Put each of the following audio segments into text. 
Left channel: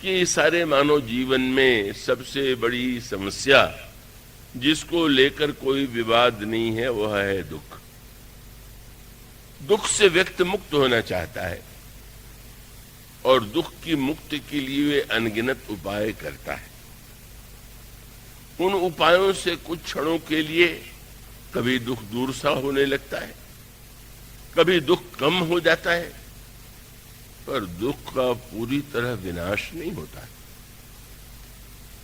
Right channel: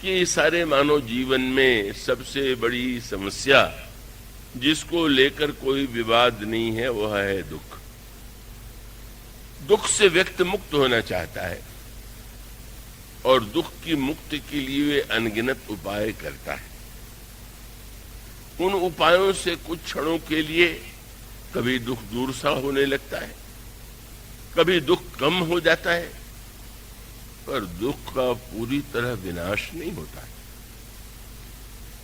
कि सारे मानव जीवन में सबसे बड़ी समस्या जिसको लेकर कोई विवाद नहीं है वह है दुख। दुख से व्यक्ति मुक्त होना चाहता है और दुख की मुक्ति के लिए वे अनगिनत उपाय करता है। उन उपायों से कुछ क्षणों के लिए कभी दुख दूर सा होने लगता है, कभी दुख कम हो जाता है, पर दुख का पूरी तरह विनाश नहीं होता है।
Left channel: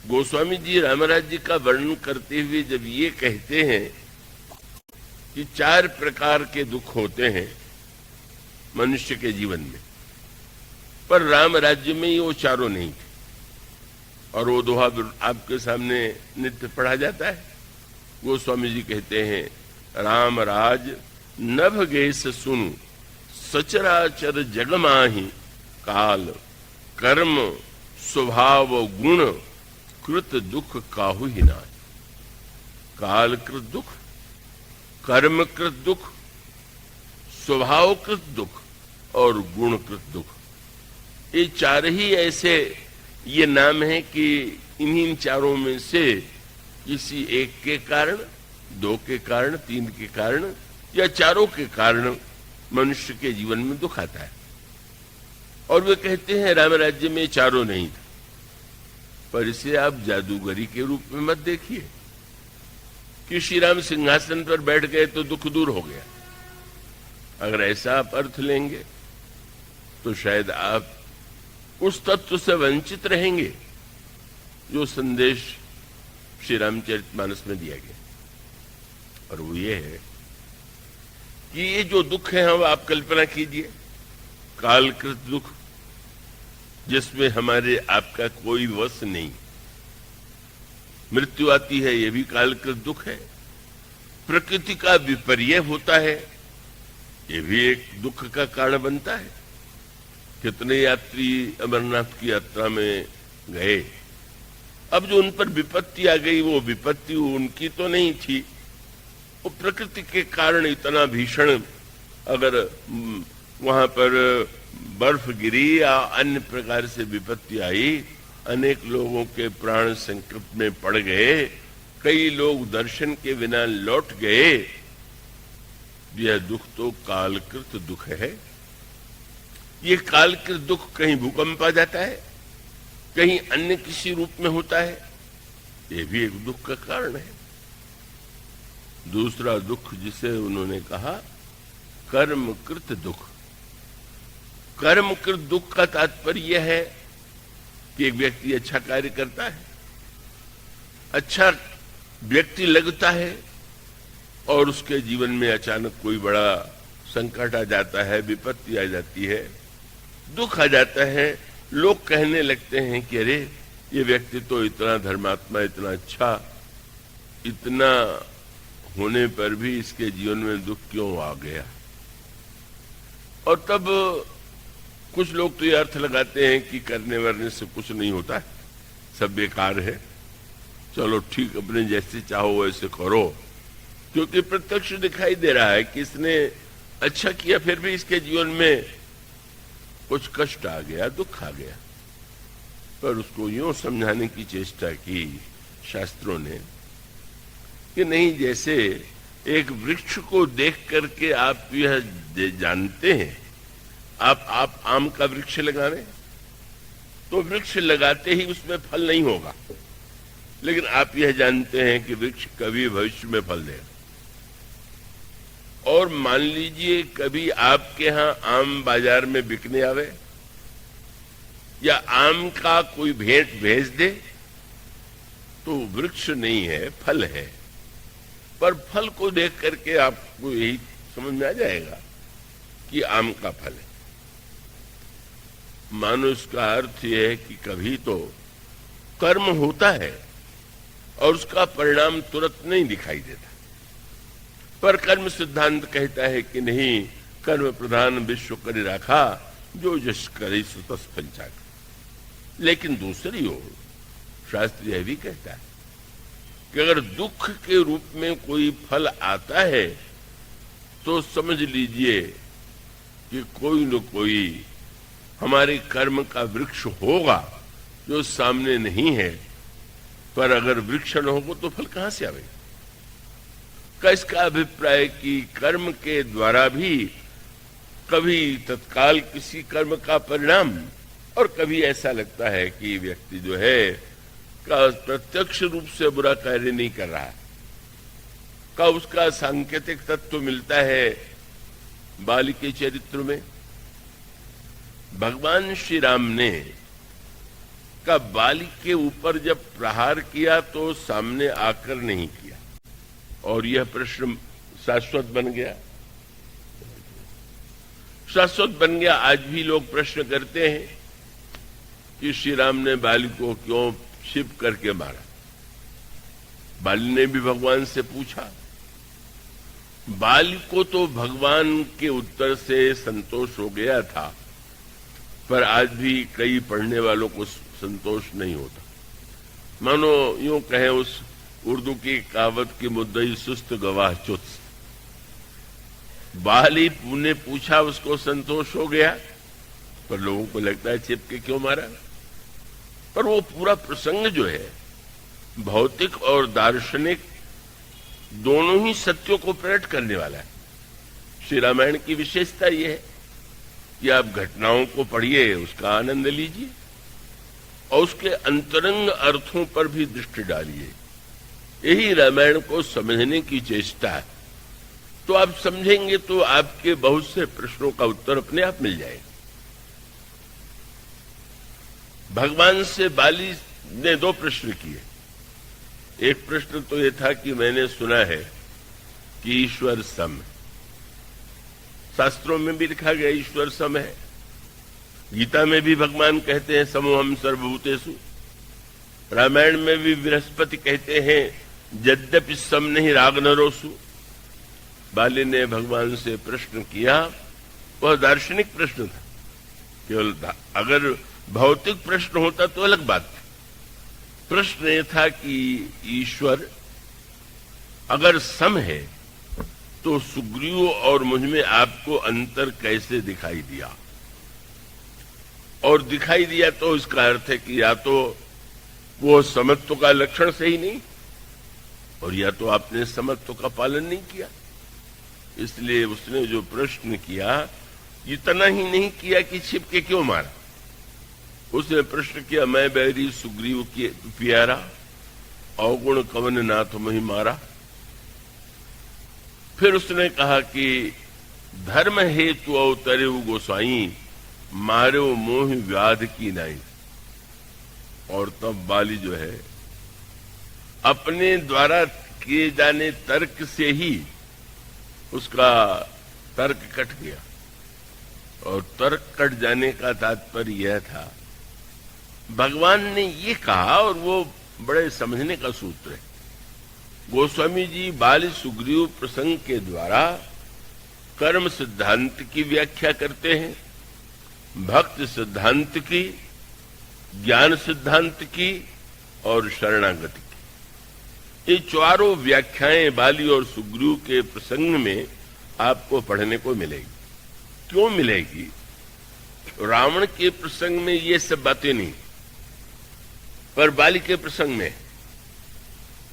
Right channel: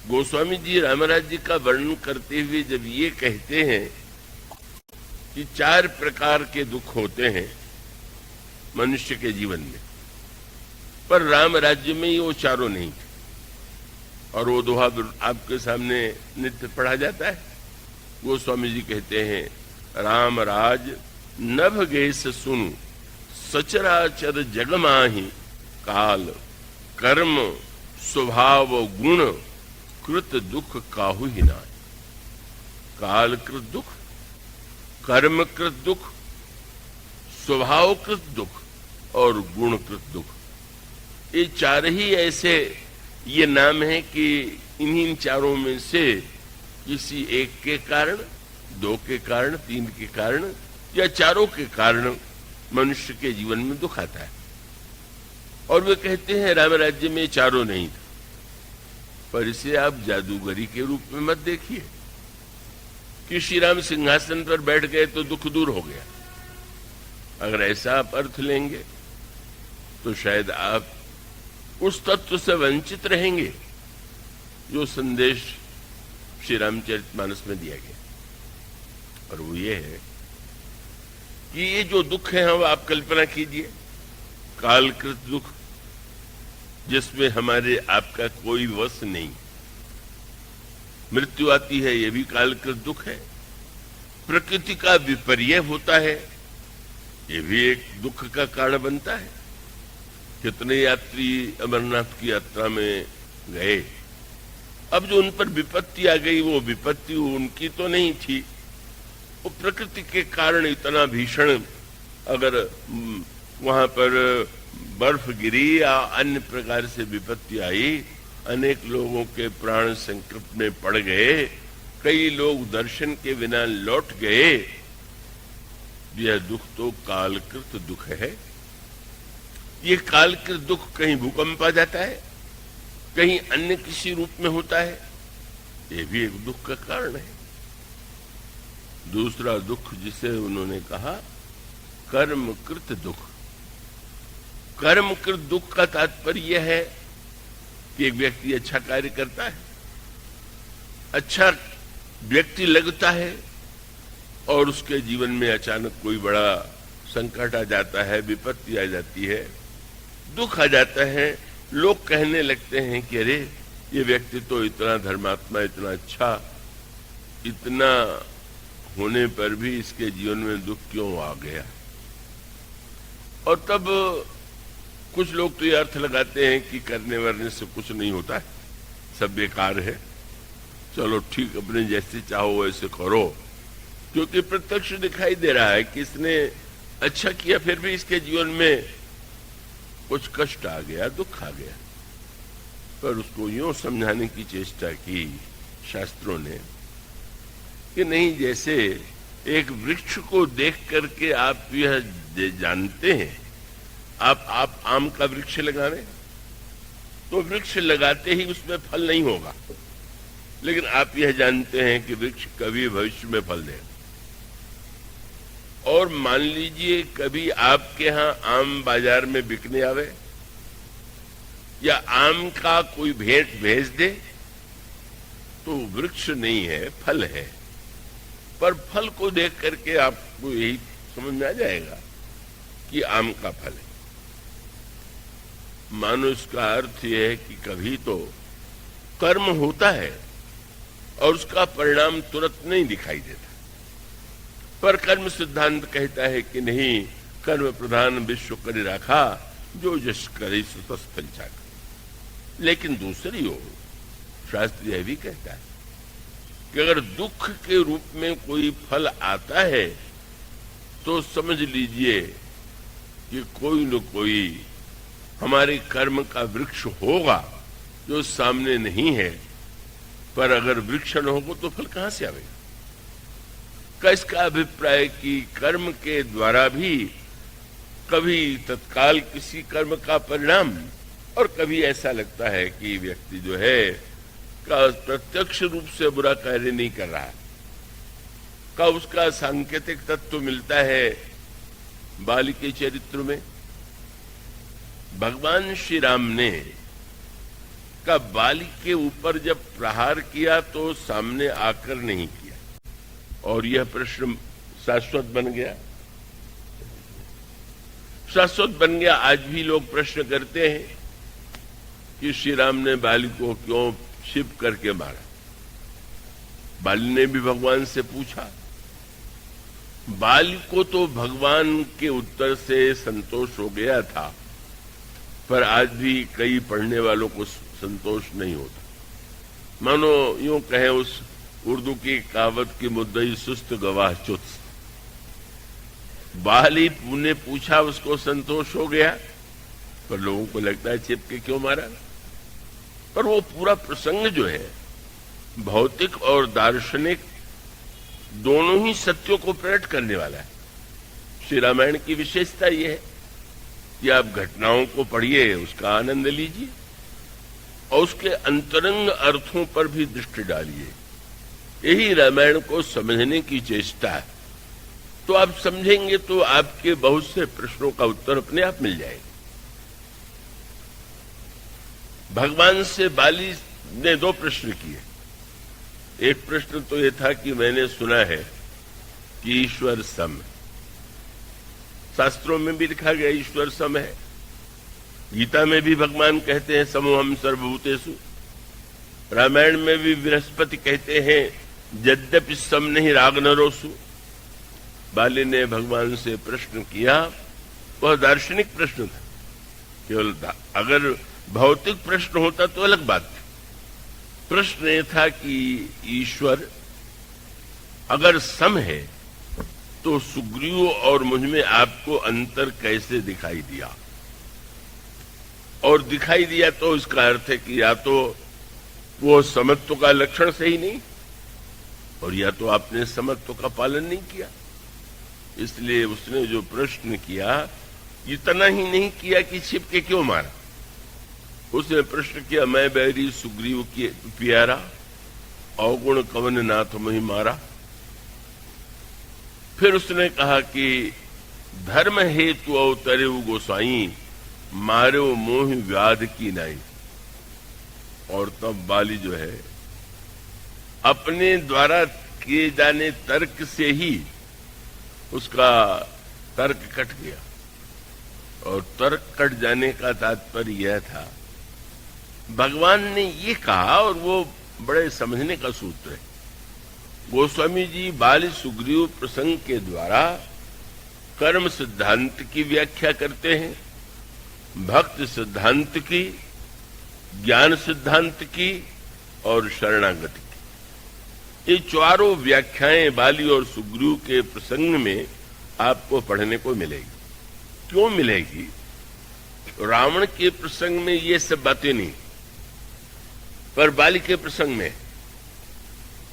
गोस्वामी जी रामराज जी का वर्णन करते हुए जब ये कहते हैं कि 4 प्रकार के दुख होते हैं मनुष्य के जीवन में, पर राम राज्य में ये वो चारों नहीं थे, और वो दोहा आपके सामने नित्य पढ़ा जाता है। गोस्वामी जी कहते हैं, राम राज नभ गेस सुनु सचराचर जग माही, काल कर्म स्वभाव गुण कृत दुख काहू ही ना। काल कृत दुख, कर्म कृत दुख, स्वभाव कृत दुख और गुण कृत दुख, ये 4 ही ऐसे ये नाम है कि इन्हीं चारों में से किसी एक के कारण, 2 के कारण, 3 के कारण या चारों के कारण मनुष्य के जीवन में दुख आता है। और वे कहते हैं राम राज्य में चारों नहीं, पर इसे आप जादूगरी के रूप में मत देखिए कि श्री राम सिंहासन पर बैठ गए तो दुख दूर हो गया। अगर ऐसा आप अर्थ लेंगे तो शायद आप उस तत्व से वंचित रहेंगे जो संदेश श्री रामचरितमानस में दिया गया। और वो ये है कि ये जो दुख है हम आप कल्पना कीजिए, कालकृत दुख जिसमें हमारे आपका कोई वश नहीं, मृत्यु आती है ये भी कालकृत दुख है, प्रकृति का विपर्य होता है ये भी एक दुख का कारण बनता है। कितने यात्री अमरनाथ की यात्रा में गए, अब जो उन पर विपत्ति आ गई वो विपत्ति उनकी तो नहीं थी, वो प्रकृति के कारण इतना भीषण, अगर वहां पर बर्फ गिरी या अन्य प्रकार से विपत्ति आई, अनेक लोगों के प्राण संकट में पड़ गए, कई लोग दर्शन के बिना लौट गए। यह दुख तो कालकृत दुख है। ये कालकृत दुख कहीं भूकंप आ जाता है, कहीं अन्य किसी रूप में होता है, ये भी एक दुख का कारण है। दूसरा दुख जिसे उन्होंने कहा कर्मकृत दुख। कर्मकृत दुख का तात्पर्य है कि एक व्यक्ति अच्छा कार्य करता है, अच्छा व्यक्ति लगता है और उसके जीवन में अचानक कोई बड़ा संकट आ जाता है, विपत्ति आ जाती है, दुख आ जाता है। लोग कहने लगते हैं कि अरे ये व्यक्ति तो इतना धर्मात्मा, इतना अच्छा, इतना होने पर भी इसके जीवन में दुख क्यों आ गया। और तब कुछ लोग तो ये अर्थ लगाते हैं कि करने वरने से कुछ नहीं होता है, सब बेकार है, चलो ठीक अपने जैसे चाहो वैसे करो, क्योंकि प्रत्यक्ष दिखाई दे रहा है कि इसने अच्छा किया फिर भी इसके जीवन में कुछ कष्ट आ गया, दुख आ गया। पर उसको यूं समझाने की चेष्टा की शास्त्रों ने कि नहीं, जैसे एक वृक्ष को देख करके आप यह जानते हैं, आप आम का वृक्ष लगावे तो वृक्ष लगाते ही उसमें फल नहीं होगा, लेकिन आप यह जानते हैं कि वृक्ष कभी भविष्य में फल दे। और मान लीजिए कभी आपके यहां आम बाजार में बिकने आवे या आम का कोई भेंट भेज दे, तो वृक्ष नहीं है, फल है, पर फल को देख करके आपको यही समझ में आ जाएगा कि आम का फल है। मानो इसका अर्थ यह है कि कभी तो कर्म होता है और उसका परिणाम तुरंत नहीं दिखाई देता, पर कर्म सिद्धांत कहता है कि नहीं, कर्म प्रधान विश्व करे राखा, जो यश करे सो तस फल चाहे। लेकिन दूसरी ओर शास्त्र यह भी कहता है कि अगर दुख के रूप में कोई फल आता है तो समझ लीजिए कि कोई न कोई हमारे कर्म का वृक्ष होगा जो सामने नहीं है, पर अगर वृक्ष न हो तो फल कहां से आवेगा? का इसका अभिप्राय कि कर्म के द्वारा भी कभी तत्काल किसी कर्म का परिणाम, और कभी ऐसा लगता है कि व्यक्ति जो है का प्रत्यक्ष रूप से बुरा कार्य नहीं कर रहा, का उसका सांकेतिक तत्व मिलता है बाली के चरित्र में। भगवान श्री राम ने का बाली के ऊपर जब प्रहार किया तो सामने आकर नहीं किया, और यह प्रश्न शाश्वत बन गया। शाश्वत बन गया। आज भी लोग प्रश्न करते हैं कि श्री राम ने बाली को क्यों क्षिप करके मारा। बाली ने भी भगवान से पूछा। बाली को तो भगवान के उत्तर से संतोष हो गया था, पर आज भी कई पढ़ने वालों को संतोष नहीं होता। मानो यूं कहें, उस उर्दू की कहावत की मुद्दई सुस्त गवाह चुत। बाली ने पूछा, उसको संतोष हो गया, पर लोगों को लगता है छिप के क्यों मारा। पर वो पूरा प्रसंग जो है भौतिक और दार्शनिक दोनों ही सत्यों को प्रकट करने वाला है। श्री रामायण की विशेषता यह है कि आप घटनाओं को पढ़िए, उसका आनंद लीजिए और उसके अंतरंग अर्थों पर भी दृष्टि डालिए। यही रामायण को समझने की चेष्टा है। तो आप समझेंगे तो आपके बहुत से प्रश्नों का उत्तर अपने आप मिल जाएगा। भगवान से बाली ने दो प्रश्न किए। एक प्रश्न तो यह था कि मैंने सुना है कि ईश्वर सम, शास्त्रों में भी लिखा गया ईश्वर सम है। गीता में भी भगवान कहते हैं समोहम सर्वभूतेषु। रामायण में भी बृहस्पति कहते हैं यद्यपि सम नहीं राग नरोसु। बाली ने भगवान से प्रश्न किया, वह दार्शनिक प्रश्न था। केवल अगर भौतिक प्रश्न होता तो अलग बात है। प्रश्न यह था कि ईश्वर अगर सम है तो सुग्रीव और मुझ में आपको अंतर कैसे दिखाई दिया? और दिखाई दिया तो इसका अर्थ है कि या तो वो समत्व का लक्षण सही नहीं, और या तो आपने समत्व का पालन नहीं किया। इसलिए उसने जो प्रश्न किया, इतना ही नहीं किया कि छिप के क्यों मारा। उसने प्रश्न किया, मैं बैरी सुग्रीव की प्यारा, अवगुण कवन नाथ मही मारा। फिर उसने कहा कि धर्म हेतु अवतरे गोसाई, मारो मोह व्याध की नाई। और तब बाली जो है अपने द्वारा किए जाने तर्क से ही उसका तर्क कट गया। और तर्क कट जाने का तात्पर्य यह था, भगवान ने ये कहा, और वो बड़े समझने का सूत्र है। गोस्वामी जी बाली सुग्रीव प्रसंग के द्वारा कर्म सिद्धांत की व्याख्या करते हैं, भक्त सिद्धांत की, ज्ञान सिद्धांत की और शरणागति की। ये चारों व्याख्याएं बाली और सुग्रीव के प्रसंग में आपको पढ़ने को मिलेगी। क्यों मिलेगी? रावण के प्रसंग में ये सब बातें नहीं, पर बाली के प्रसंग में,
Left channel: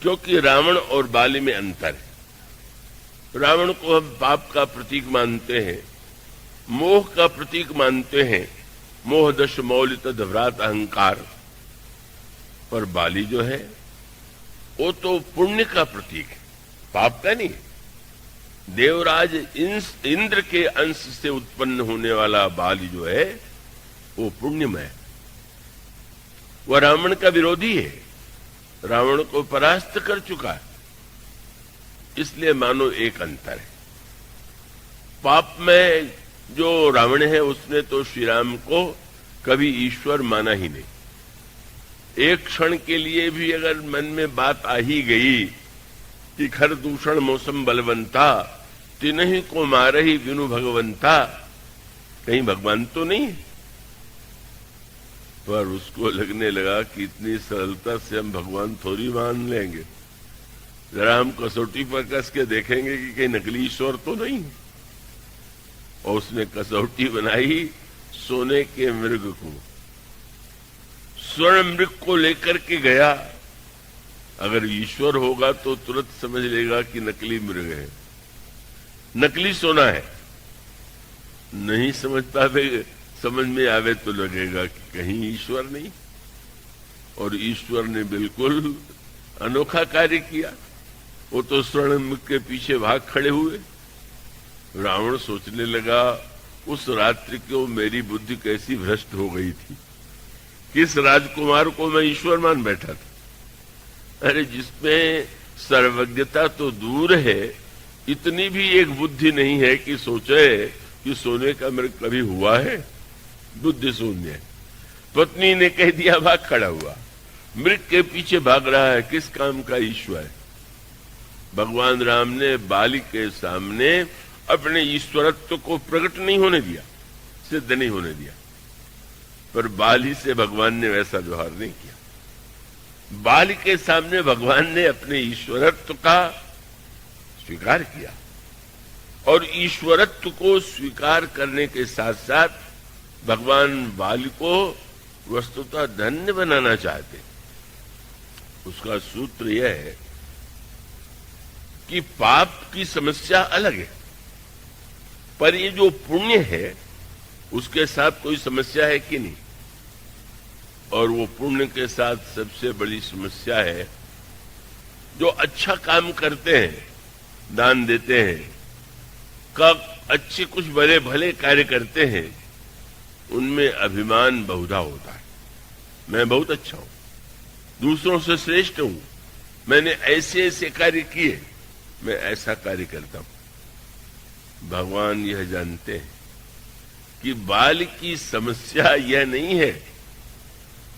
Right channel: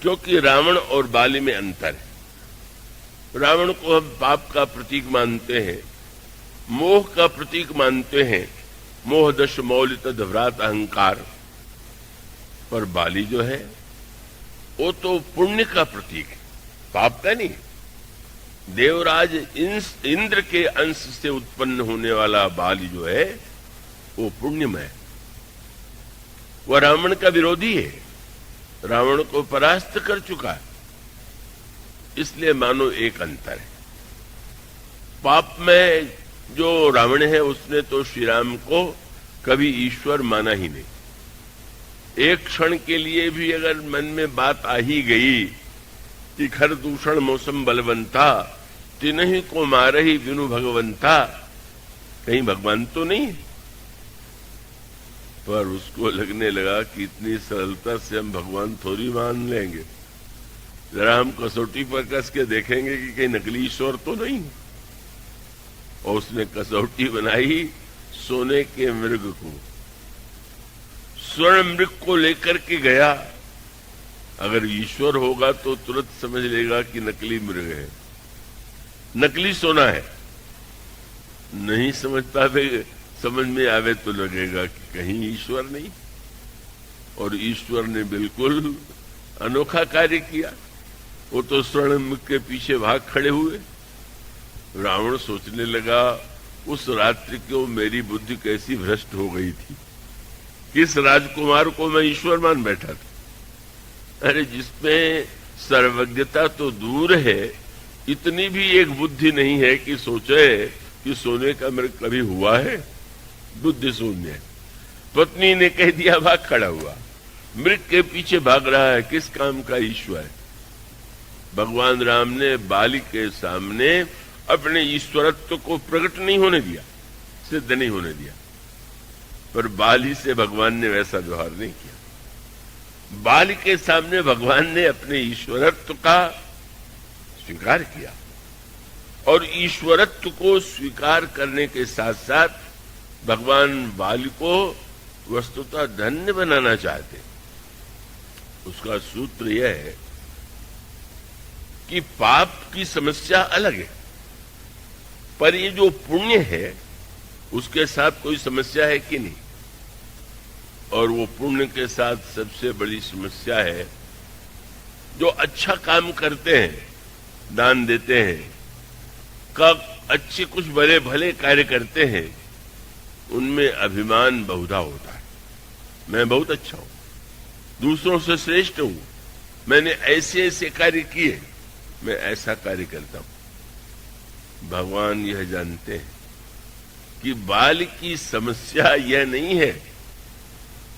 क्योंकि रावण और बाली में अंतर है। रावण को हम पाप का प्रतीक मानते हैं, मोह का प्रतीक मानते हैं, मोह दश मौलित दभ्रात अहंकार। पर बाली जो है वो तो पुण्य का प्रतीक है, पाप का नहीं। देवराज इंद्र के अंश से उत्पन्न होने वाला बाली जो है वो पुण्यमय है। वह रावण का विरोधी है, रावण को परास्त कर चुका है। इसलिए मानो एक अंतर है। पाप में जो रावण है उसने तो श्री राम को कभी ईश्वर माना ही नहीं। एक क्षण के लिए भी अगर मन में बात आ ही गई कि खर दूषण मौसम बलवंता, तिन्ही को मारही गुनु भगवंता, कहीं भगवान तो नहीं। पर उसको लगने लगा कि इतनी सरलता से हम भगवान थोड़ी मान लेंगे, जरा हम कसौटी पर कस के देखेंगे कि कहीं नकली ईश्वर तो नहीं। और उसने कसौटी बनाई सोने के मृग को। स्वर्ण मृग को लेकर के गया। अगर ईश्वर होगा तो तुरंत समझ लेगा कि नकली मृग है, नकली सोना है। नहीं समझ पावे, समझ में आवे तो लगेगा कि कहीं ईश्वर नहीं। और ईश्वर ने बिल्कुल अनोखा कार्य किया। वो तो स्वर्ण मृग के पीछे भाग खड़े हुए। रावण सोचने लगा, उस रात्रि को मेरी बुद्धि कैसी भ्रष्ट हो गई थी, किस राजकुमार को मैं ईश्वर मान बैठा था। अरे जिसमें सर्वज्ञता तो दूर है, इतनी भी एक बुद्धि नहीं है कि सोचे कि सोने का मृग कभी हुआ है। बुद्धि शून्य। पत्नी ने कह दिया, भाग खड़ा हुआ। मृग के पीछे भाग रहा है, किस काम का ईश्वर। भगवान राम ने बाली के सामने अपने ईश्वरत्व को प्रकट नहीं होने दिया, सिद्ध नहीं होने दिया। पर बाली से भगवान ने वैसा व्यवहार नहीं किया। बाली के सामने भगवान ने अपने ईश्वरत्व का स्वीकार किया। और ईश्वरत्व को स्वीकार करने के साथ साथ भगवान बाली को वस्तुतः धन्य बनाना चाहते। उसका सूत्र यह है कि पाप की समस्या अलग है, पर ये जो पुण्य है उसके साथ कोई समस्या है कि नहीं। और वो पुण्य के साथ सबसे बड़ी समस्या है, जो अच्छा काम करते हैं, दान देते हैं, कब अच्छे कुछ बड़े भले कार्य करते हैं, उनमें अभिमान बहुधा होता है। मैं बहुत अच्छा हूं, दूसरों से श्रेष्ठ हूं, मैंने ऐसे ऐसे कार्य किए, मैं ऐसा कार्य करता हूं। भगवान यह जानते हैं कि बाल की समस्या यह नहीं है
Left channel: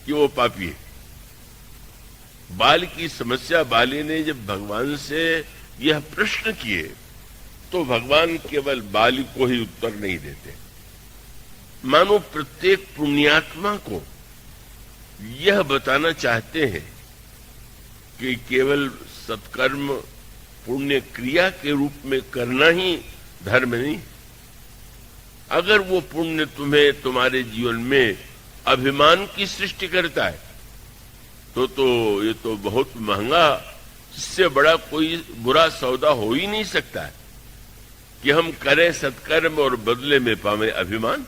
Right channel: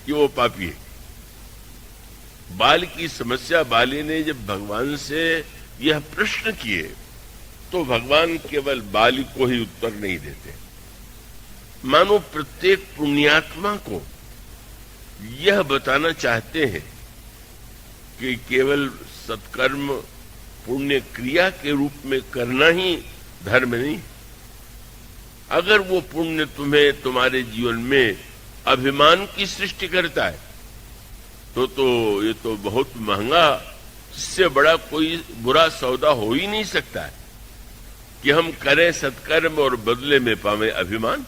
कि वो पापी है। बाल की समस्या, बाली ने जब भगवान से यह प्रश्न किए तो भगवान केवल बाली को ही उत्तर नहीं देते। मानो प्रत्येक पुण्यात्मा को यह बताना चाहते हैं कि केवल सत्कर्म पुण्य क्रिया के रूप में करना ही धर्म नहीं। अगर वो पुण्य तुम्हें तुम्हारे जीवन में अभिमान की सृष्टि करता है तो ये तो बहुत महंगा, इससे बड़ा कोई बुरा सौदा हो ही नहीं सकता कि हम करें सत्कर्म और बदले में पावे अभिमान।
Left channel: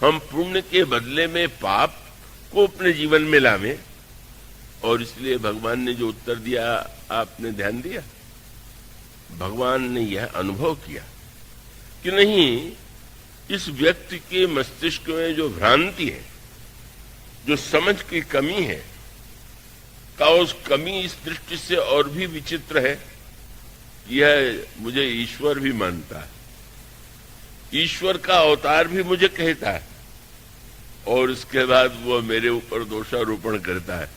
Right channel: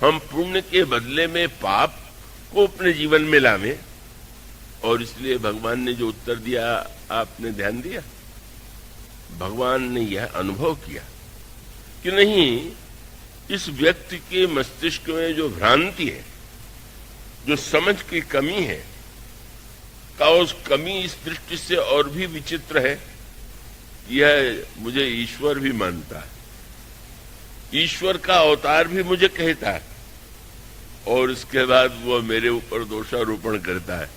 हम पुण्य के बदले में पाप को अपने जीवन में लावें। और इसलिए भगवान ने जो उत्तर दिया, आपने ध्यान दिया। भगवान ने यह अनुभव किया कि नहीं, इस व्यक्ति के मस्तिष्क में जो भ्रांति है, जो समझ की कमी है, तो उस कमी इस दृष्टि से और भी विचित्र है। यह मुझे ईश्वर भी मानता है, ईश्वर का अवतार भी मुझे कहता है, और इसके बाद वो मेरे ऊपर दोषारोपण करता है।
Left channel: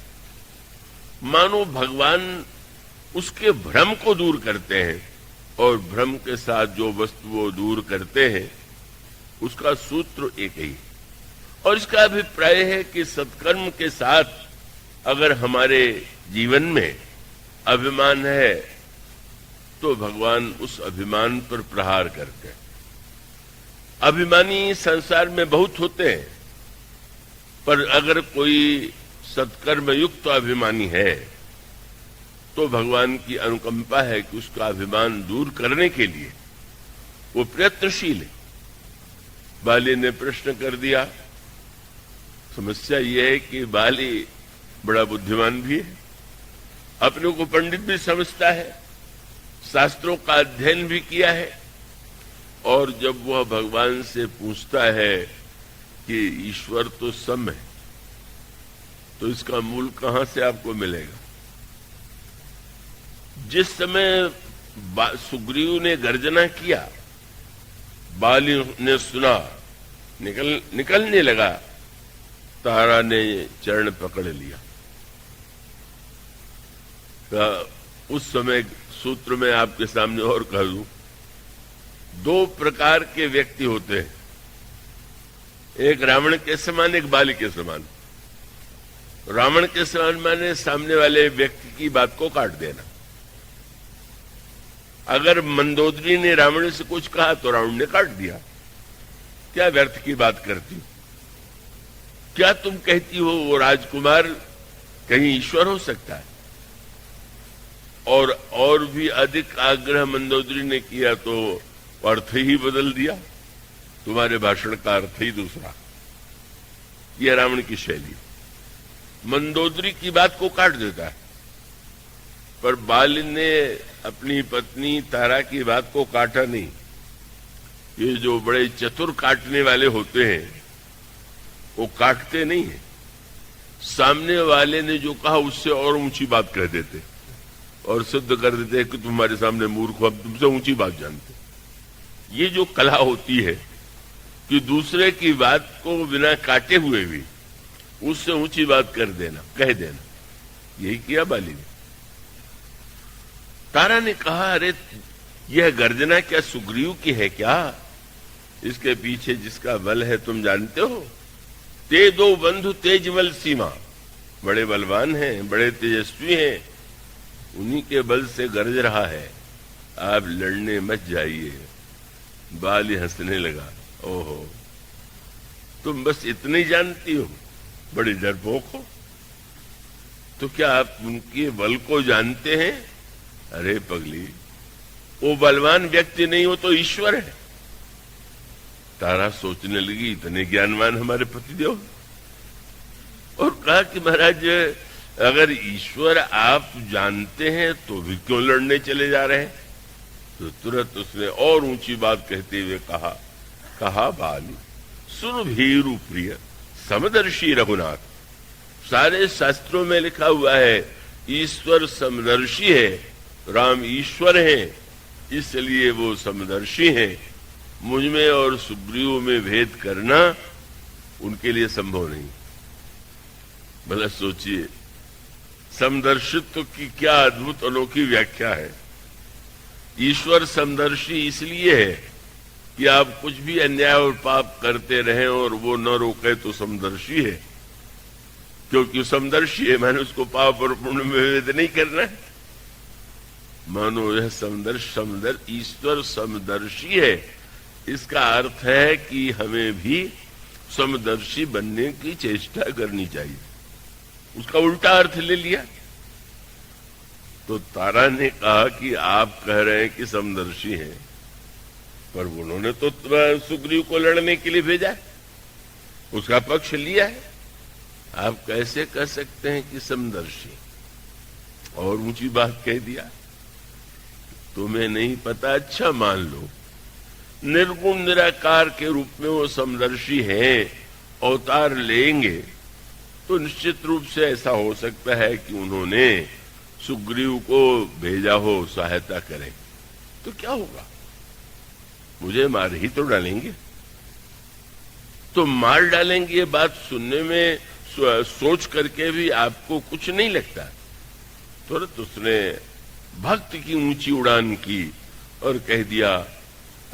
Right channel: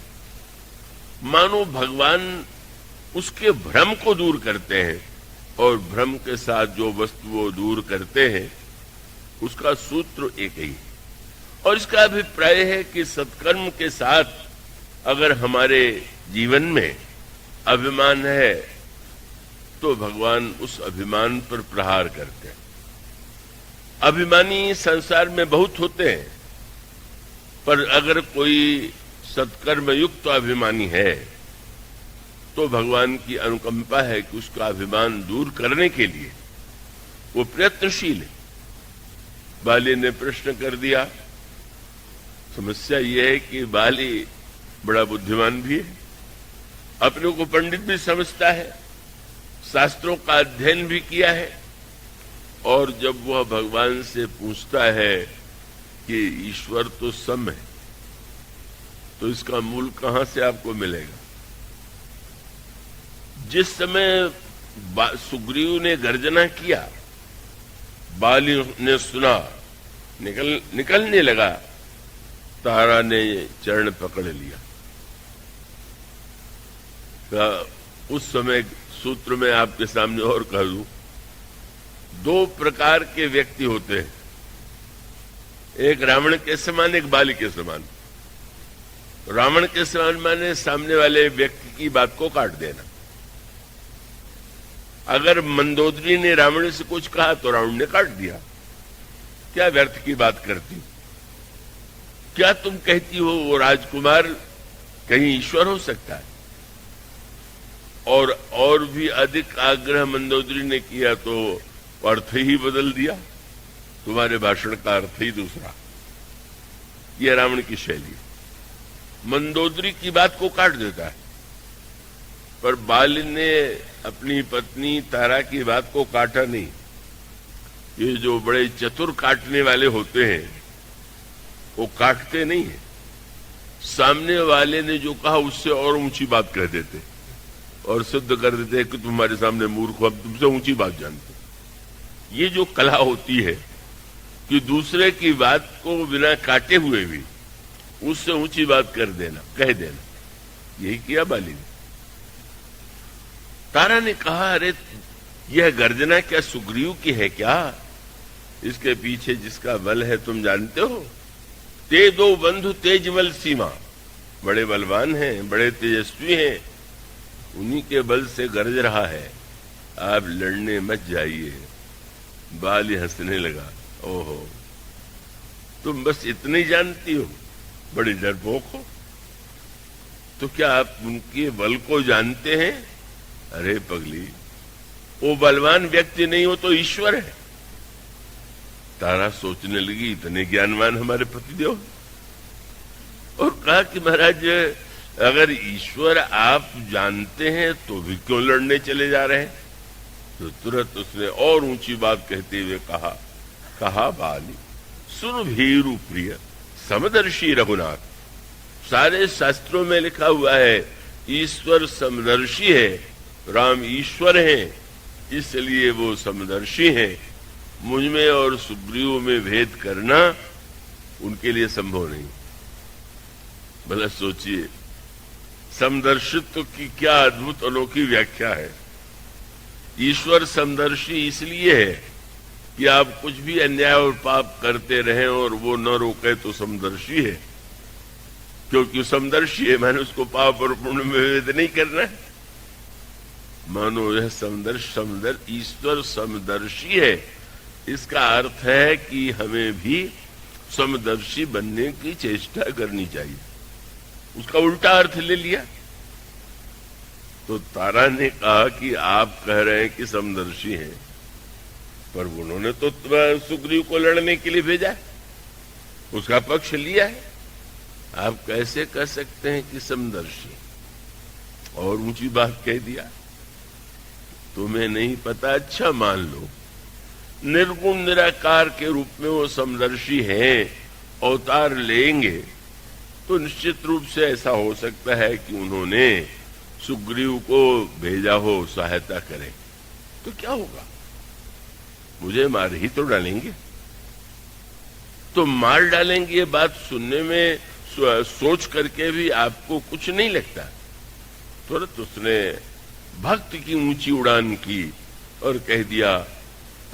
मानो भगवान उसके भ्रम को दूर करते हैं, और भ्रम के साथ जो वस्तु वो दूर करते हैं उसका सूत्र एक ही है। और इसका अभिप्राय है कि सत्कर्म के साथ अगर हमारे जीवन में अभिमान है तो भगवान उस अभिमान पर प्रहार करते हैं। अभिमानी संसार में बहुत होते हैं, पर अगर कोई सत्कर्म युक्त अभिमानी है तो भगवान की अनुकंपा है कि उसका अभिमान दूर करने के लिए वो प्रयत्नशील है। बाली ने प्रश्न कर दिया। समस्या ये है कि बाली बड़ा बुद्धिमान भी है, अपने को पंडित भी समझता है, शास्त्रों का अध्ययन भी किया है, और जब वह भगवान से पूछता है कि ईश्वर तो सम है, तो इसका मूल कहां से आपको मिलेगा। जिस समय सुग्रीव ने गर्जना किया, बाली ने सुना, निकलने लगा, तारा ने चरण पकड़ लिया। उस समय सूत्र में आपके सामने और कह दूं, दो प्रकार के व्यक्ति होते हैं, एक रावण के समान, एक बाली के समान। रावण के समान माने सामने वाले व्यक्ति की बात को काट देना। अगर मंदोदरी ने रावण से कुछ कहा तो रावण ने काट दिया, क्या व्यर्थ की बात करती। क्या तुम कहती हो वो राजकुमार कहीं ईश्वर हो सकता है? और भी अधिक आग्रह मंदोदरी ने किया तो अर्थ ही बदल दिया, तुम्हारे भाषण का अर्थ ही दूसरा। यह रावण की शैली। मंदोदरी की बात को काट देता है, पर बाल ने अपनी पत्नी तारा की बात को काटा नहीं। ये जो बड़े चतुर काटने वाले होते हैं वो काटते नहीं है, सामने वाले ने जो कहा उससे और ऊंची बात कह देते और सिद्ध कर देते हैं कि तुम्हारे सामने मूर्ख हो, हम तुमसे ऊंची बात जानते। ये जो कला होती है कि दूसरे की बात को बिना काटे हुए भी उससे ऊंची बात कर देना, कह देना, यही किया बाली ने। तारा ने कहा, अरे यह गर्जना क्या सुग्रीव की है क्या? इसके पीछे जिसका बल है तुम जानते हो? ते दो बंधु तेज बल सीमा, बड़े बलवान हैं, बड़े तेजस्वी हैं, उन्हीं के बल से गरज रहा है, आप लड़ने मत जाइए। बाली हंसने लगा, ओहो तुम बस इतने ही जानती हो, बड़ी डरपोक हो। तो क्या आप उनके बल को जानते हैं? अरे पगली, वो बलवान व्यक्ति नहीं हो तो ईश्वर है। तारा सोचने लगी, इतने ज्ञानवान हमारे पतिदेव, और कहा कि महाराज अगर ईश्वर आप जानते हैं तो भी क्यों लड़ने चले जा रहे हैं? तो तुरंत उसने और ऊंची बात कहते हुए कहा बाली सुन भीरु प्रिय समदर्शी रघुनाथ, सारे शास्त्रों में लिखा हुआ है ईश्वर समदर्शी है, राम ईश्वर हैं, इसलिए वो समदर्शी हैं। मुझ में और सुग्रीव में भेद करना उनके लिए संभव नहीं। भला सोचिए, समदर्शित्व की क्या अद्भुत अनोखी व्याख्या है। ईश्वर समदर्शी इसलिए है कि आप कुछ भी अन्याय और पाप करते रहें और वो न रोके तो समदर्शी है, क्योंकि समदर्शी है मानो उसको पाप और पुण्य में भेद नहीं करना है। मानो यह ईश्वर समदर्शी है, इसका अर्थ है कि हमें भी समदर्शी बनने की चेष्टा करनी चाहिए। उसका उल्टा अर्थ ले लिया। तो तारा ने कहा कि आप कह रहे हैं कि समदर्शी हैं, पर उन्होंने तो सुग्रीव को लड़ने के लिए भेजा है, उसका पक्ष लिया है, आप कैसे कह सकते हैं कि समदर्शी? और ऊंची बात कह दिया। तुम्हें नहीं पता, अच्छा मान लो निर्गुण निराकार के रूप में वो समदर्शी हैं, अवतार लेंगे तो निश्चित रूप से ऐसा हो सकता है कि उन्होंने सुग्रीव को भेजा हो सहायता करे, तो क्या होगा? मुझे मार ही तो डालेंगे। तो मार डालेंगे ये बात सुनने में सोच करके भी आपको कुछ नहीं लगता। तुरंत उसने भक्ति की ऊंची उड़ान की और कह दिया,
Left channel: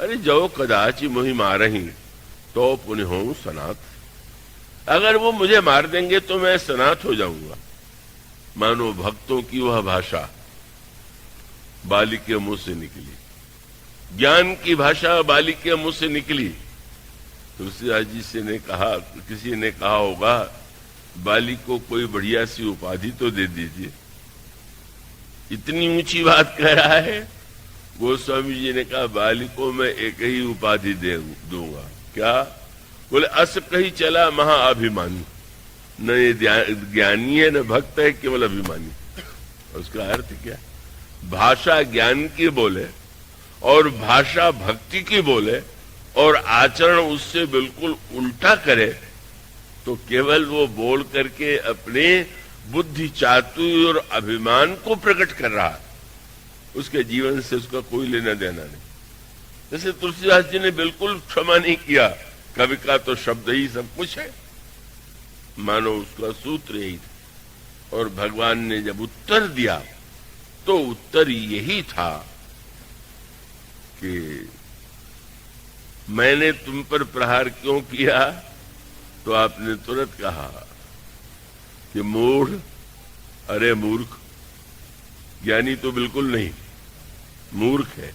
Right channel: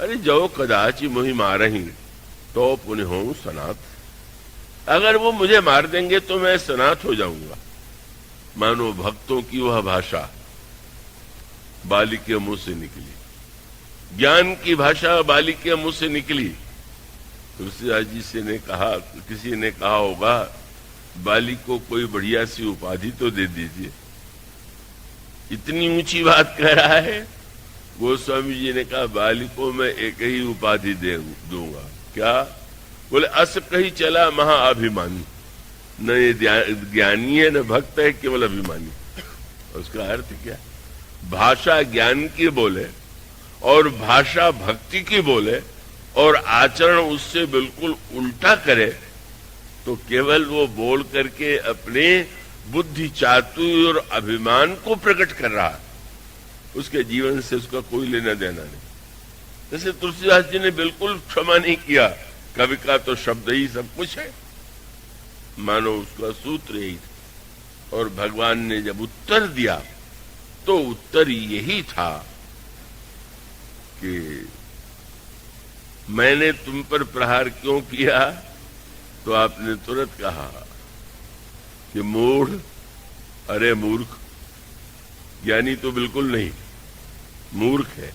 अरे जो कदाचि मोहि मारही तो पुण्य हो सनात। अगर वो मुझे मार देंगे तो मैं सनात हो जाऊंगा। मानो भक्तों की वह भाषा बाली के मुंह से निकली, ज्ञान की भाषा बाली के मुंह से निकली। तुलसीदास जी से ने कहा, किसी ने कहा होगा बाली को कोई बढ़िया सी उपाधि तो दे दीजिए, इतनी ऊंची बात कह रहा है। गोस्वामी जी ने कहा, बाली को मैं एक ही उपाधि दूंगा। क्या? बोले, अस कही चला महाअभिमानी। न ये ज्ञानी है न भक्त है, केवल अभिमानी। उसका अर्थ क्या? भाषा ज्ञान की बोले और भाषा भक्ति की बोले और आचरण उससे बिल्कुल उल्टा करे तो केवल वो बोल करके अपने बुद्धि चातुर्य और अभिमान को प्रकट कर रहा है, उसके जीवन से उसका कोई लेना देना नहीं। जैसे तुलसीदास जी ने बिल्कुल क्षमा नहीं किया, कवि का तो शब्द ही सब कुछ है, मानो उसका सूत्र यही था। और भगवान ने जब उत्तर दिया तो उत्तर यही था कि मैंने तुम पर प्रहार क्यों किया? तो आपने तुरंत कहा कि मूढ़, अरे मूर्ख। ज्ञानी तो बिल्कुल नहीं, मूर्ख है।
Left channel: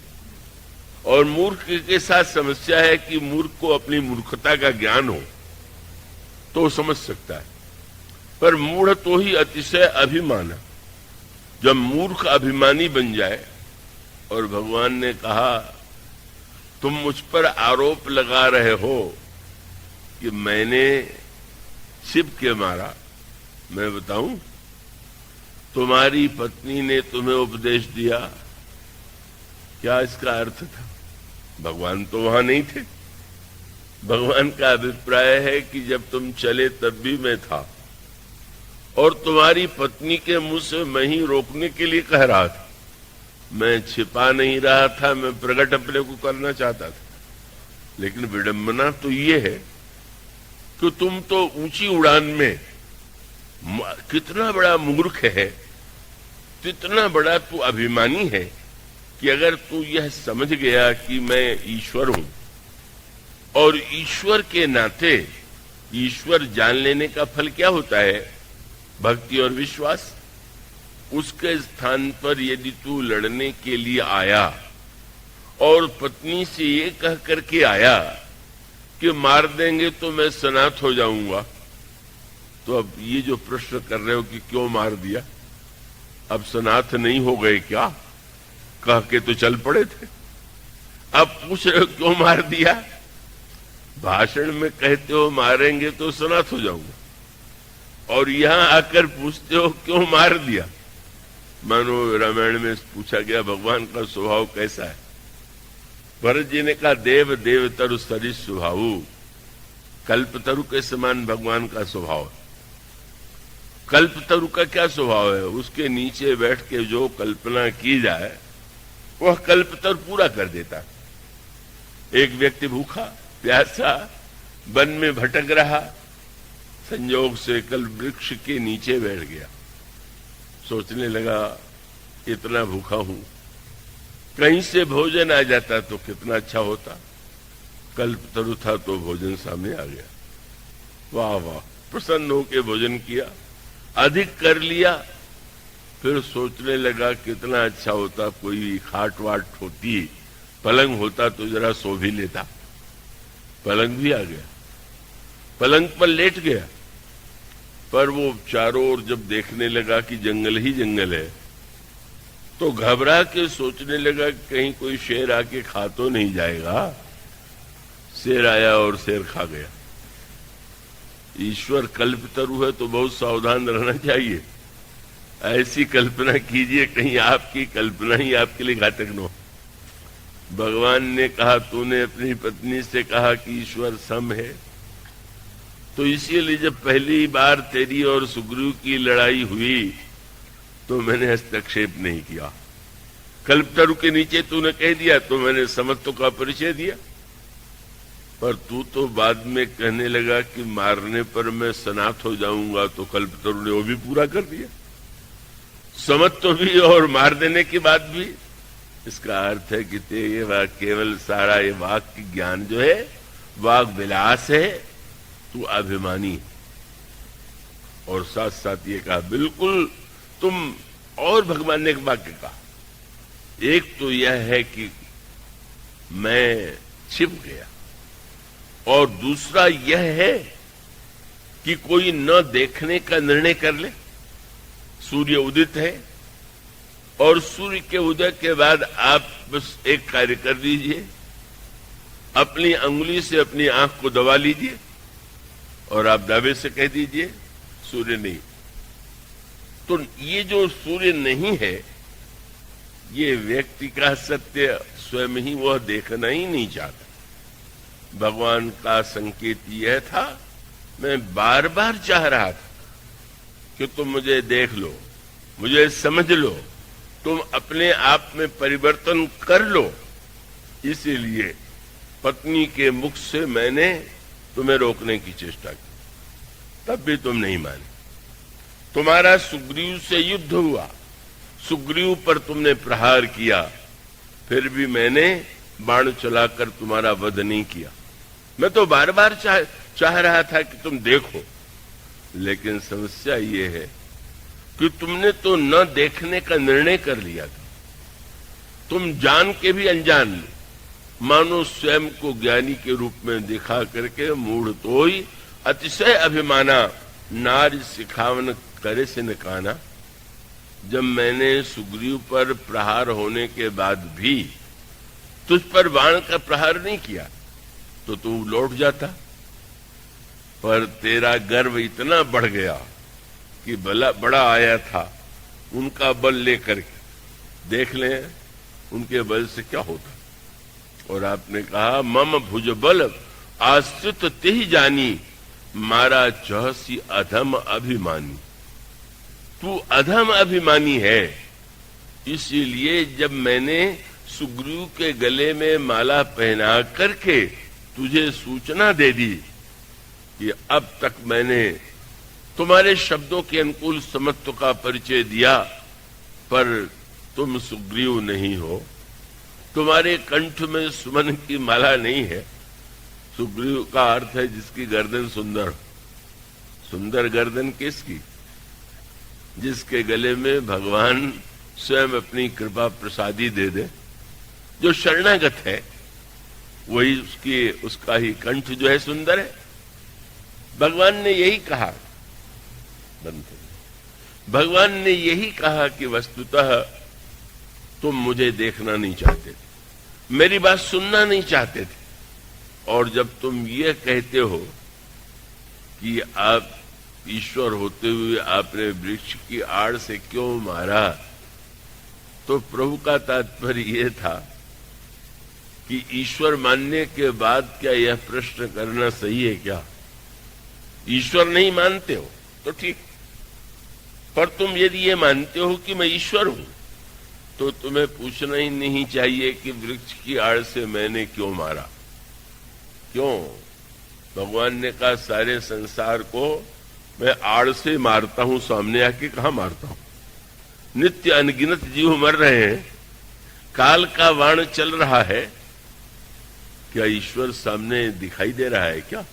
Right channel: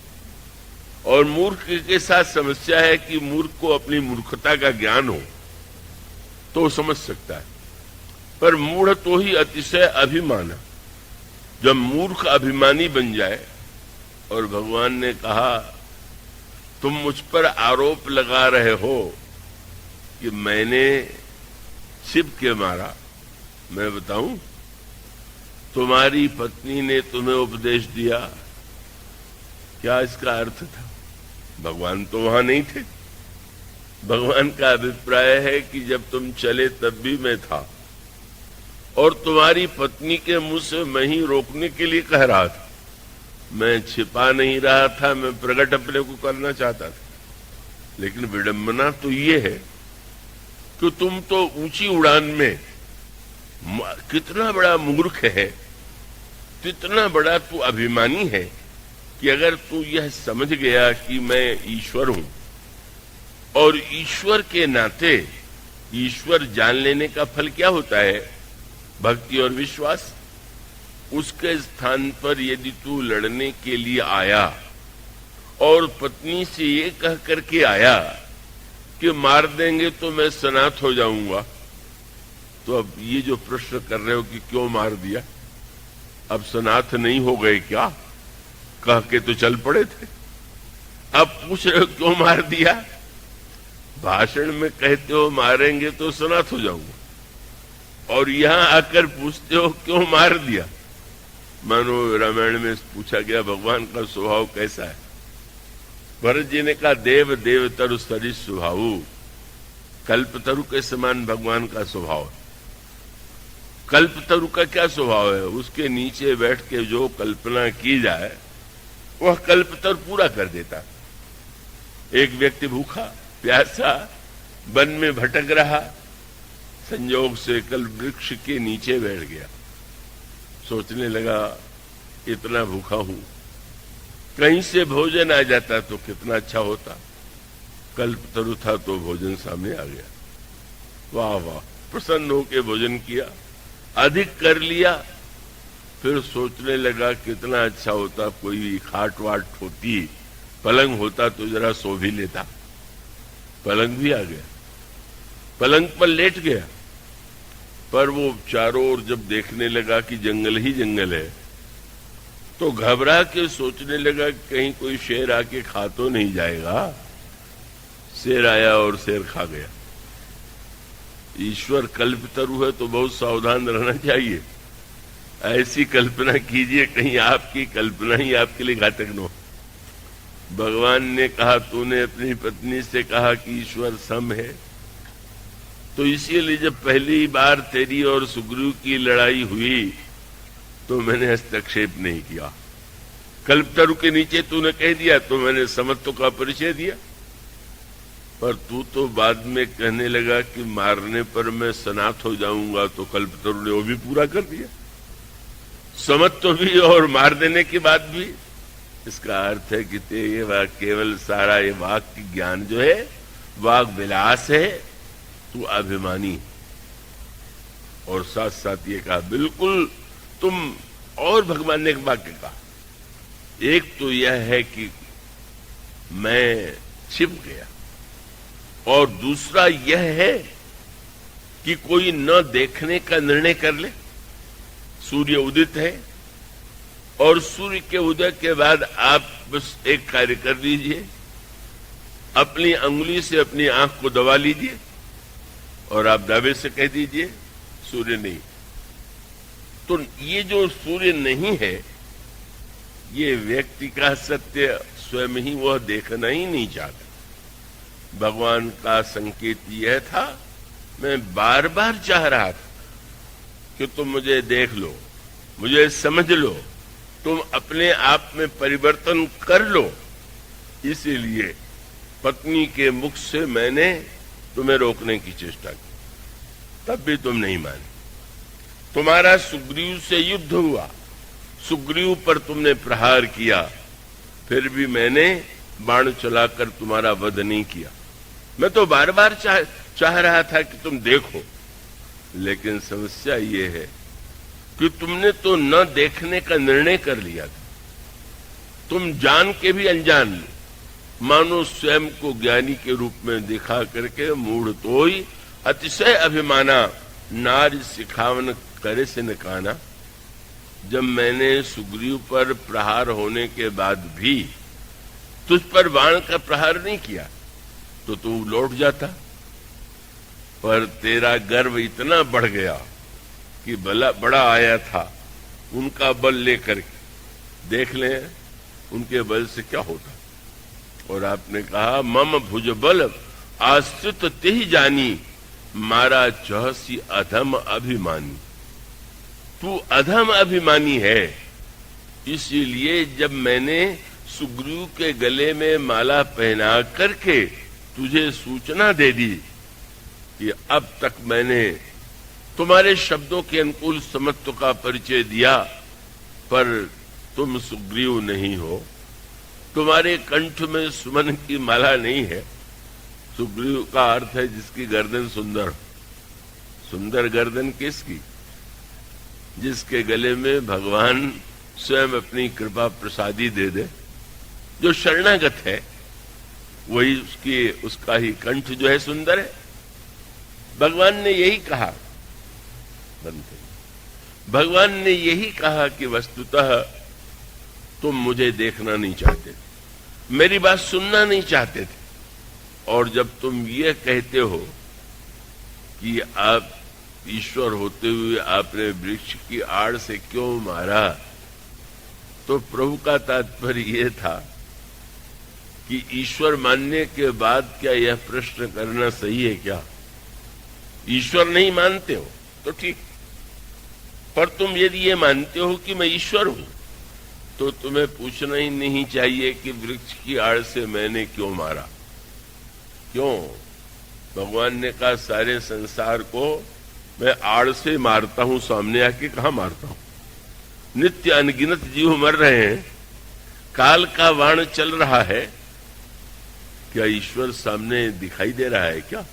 और मूर्ख के साथ समस्या है कि मूर्ख को अपनी मूर्खता का ज्ञान हो तो समझ सकता है, पर मूढ़ तो ही अतिशय अभिमान है। जब मूर्ख अभिमानी बन जाए, और भगवान ने कहा तुम मुझ पर आरोप लगा रहे हो कि मैंने छिप के मारा, मैं बताऊं, तुम्हारी पत्नी ने तुम्हें उपदेश दिया। क्या इसका अर्थ था? भगवान तो वहां नहीं थे। भगवान का अभिप्राय है कि जब तुम चले तब भी मैं था, और तुम्हारी पत्नी के मुंह से मैं ही रोकने के लिए कह रहा था। मैं छिपा नहीं रहा था, मैं प्रकट अपने को करना चाहता था। लेकिन विडंबना तो ये है कि तुम तो ऊंची उड़ान में, कितना बड़ा मूर्ख है, कितना बड़ा तू अभिमानी है कि अगर तू यह समझ गया कि मैं ईश्वर हूं, और ईश्वर के नाते ईश्वर जान लेने का फल क्या होता है? भक्ति और विश्वास। उसके स्थान पर यदि तू लड़ने के लिए आया और पत्नी से ये कह करके आया कि मार देंगे तो मैं सनाथ हो जाऊंगा, तो अब ये जो प्रश्न कर रहे हो कि क्यों मार दिया, अब सनाथ नहीं हो गए क्या? कह के तो चल पड़े थे, अब पूछ रहे हो क्यों मार दिया? भाषण में कहते हो मारेंगे तो सनाथ हो जाऊंगा, और यहां आकर पूछते हो क्यों मार दिया। मानो रामायण में पूछा गया भगवान का स्वभाव कैसा है। भरत जी ने कहा देव देवतरु सरिस स्वभाव, कल्पतरु के समान भगवान का स्वभाव है। कल्पतरु का क्या स्वभाव है? उसके नीचे बैठ के जो कल्पना की जाए वह कल्पतरु पूरा कर देता। एक व्यक्ति भूखा प्यासा वन में भटक रहा, संयोग से कल्प वृक्ष के नीचे बैठ गया। सोचने लगा इतना भूखा हूं, कहीं से भोजन आ जाता तो कितना अच्छा होता। कल्पतरु था तो भोजन सामने आ गया। वाह वाह, प्रसन्न होकर भोजन किया, अधिक कर लिया। फिर सोचने लगा कितना अच्छा होता कोई खाट वाट होती, पलंग होता तो जरा सो भी लेता। पलंग भी आ गया, पलंग पर लेट गया। पर वो चारों ओर जब देखने लगा कि जंगल ही जंगल है, तो घबरा के सोचने लगा कहीं कोई शेर आके खा तो नहीं जाएगा। शेर आया और शेर खा गया। ईश्वर कल्पतरु है तो बहुत सावधान रहना चाहिए। ऐसी कल्पना कीजिए कहीं आपकी कल्पना ही आपके लिए घातक न हो। भगवान ने कहा तूने अपनी पत्नी से कहा कि ईश्वर सम है, तो इसीलिए जब पहली बार तेरी और सुग्रीव की लड़ाई हुई तो मैंने हस्तक्षेप नहीं किया। कल्पतरु के नीचे तूने कह दिया तो मैंने समत्व का परिचय दिया। पर तू तो बाद में कहने लगा कि मारने पर मैं सनाथ हो जाऊंगा, तो कल्पतरु ने वो भी पूरा कर दिया, समत्व भी और मार देने के बाद भी। इसका अर्थ है कि ये केवल सारा ये वाक की ज्ञान जो है वाक विलास है, तू अभिमानी है। और साथ साथ ये कहा बिल्कुल तुम, और भगवान ने एक वाक्य कहा, एक तो यह है कि मैं छिप गया, और दूसरा यह है कि कोई न देखने का निर्णय कर ले। सूर्य उदित है और सूर्य के उदय के बाद आप बस एक कार्य कर लीजिए, अपनी अंगुली से अपनी आंख को दबा लीजिए और आप दावे से कह दीजिए सूर्य नहीं। तो ये जो सूर्य नहीं है, ये व्यक्ति का सत्य स्वयं ही वह देखना ही नहीं चाहता। भगवान का संकेत यह था, मैं बार बार चाह रहा था कि तुम मुझे देख लो, मुझे समझ लो, तुम अपने आप में परिवर्तन कर लो। इसीलिए पत्नी के मुख से मैंने तुम्हें रोकने की चेष्टा की, तब भी तुम नहीं माने। तुम्हारा सुग्रीव से युद्ध हुआ, सुग्रीव पर तुमने प्रहार किया, फिर भी मैंने बाण चलाकर तुम्हारा वध नहीं किया। मैं तो बार बार चाह रहा था कि तुम देखो, लेकिन समस्या ये है कि तुमने तो न देखने का निर्णय कर लिया था। तुम जान के भी अनजान मानो स्वयं को ज्ञानी के रूप में दिखा करके मूढ़ तो ही अतिशय अभिमाना नारी सिखावन करे से न काना। जब मैंने सुग्रीव पर प्रहार होने के बाद भी तुझ पर बाण का प्रहार नहीं किया तो तू लौट जाता, पर तेरा गर्व इतना बढ़ गया कि बड़ा आया था, उनका बल लेकर देख लें उनके बल से क्या होता। और आपने कहा मम भुज बल आश्रित तेहि जानी, मारा चहसी अधम अभिमानी। तू अधम अभिमानी है, इसीलिए जब मैंने सुग्रीव के गले में माला पहना करके तुझे सूचना दे दी कि अब तक मैंने तुम्हारे शब्दों के अनुकूल समत्व का परिचय दिया, पर तुम सुग्रीव नहीं हो, तुम्हारे कंठ में सुमन की माला नहीं है। सुग्रीव का अर्थ है जिसकी गर्दन सुंदर। सुंदर गर्दन किसकी? जिसके गले में भगवान स्वयं अपनी कृपा प्रसादी दे दे। जो शरणागत है वही उसका ही कंठ जो है सुंदर है। भगवान ने यही कहा, भगवान ने यही कहा कि वस्तुतः तुम मुझे देखना नहीं चाहते, मेरी बात सुनना नहीं चाहते थे, और जब तुम ये कहते हो कि आप ईश्वर होते हुए आपने वृक्ष की आड़ से क्यों मारा, तो प्रभु का तात्पर्य यह था कि ईश्वर मानने के बाद क्या यह प्रश्न करना सही है क्या? ईश्वर नहीं मानते हो तो ठीक, पर तुम यदि ये मानते हो कि मैं ईश्वर हूं तो तुम्हें पूछना ही नहीं चाहिए कि वृक्ष की आड़ से मैंने क्यों मारा। क्यों? भगवान ने कहा सारे संसार को मैं आड़ से मारता हूं, सामने आके कहां मारता हूं? नित्य अनगिनत जीव मर रहे हैं, काल का वाण चल रहा है, क्या ईश्वर सामने दिखाई दे रहा है क्या?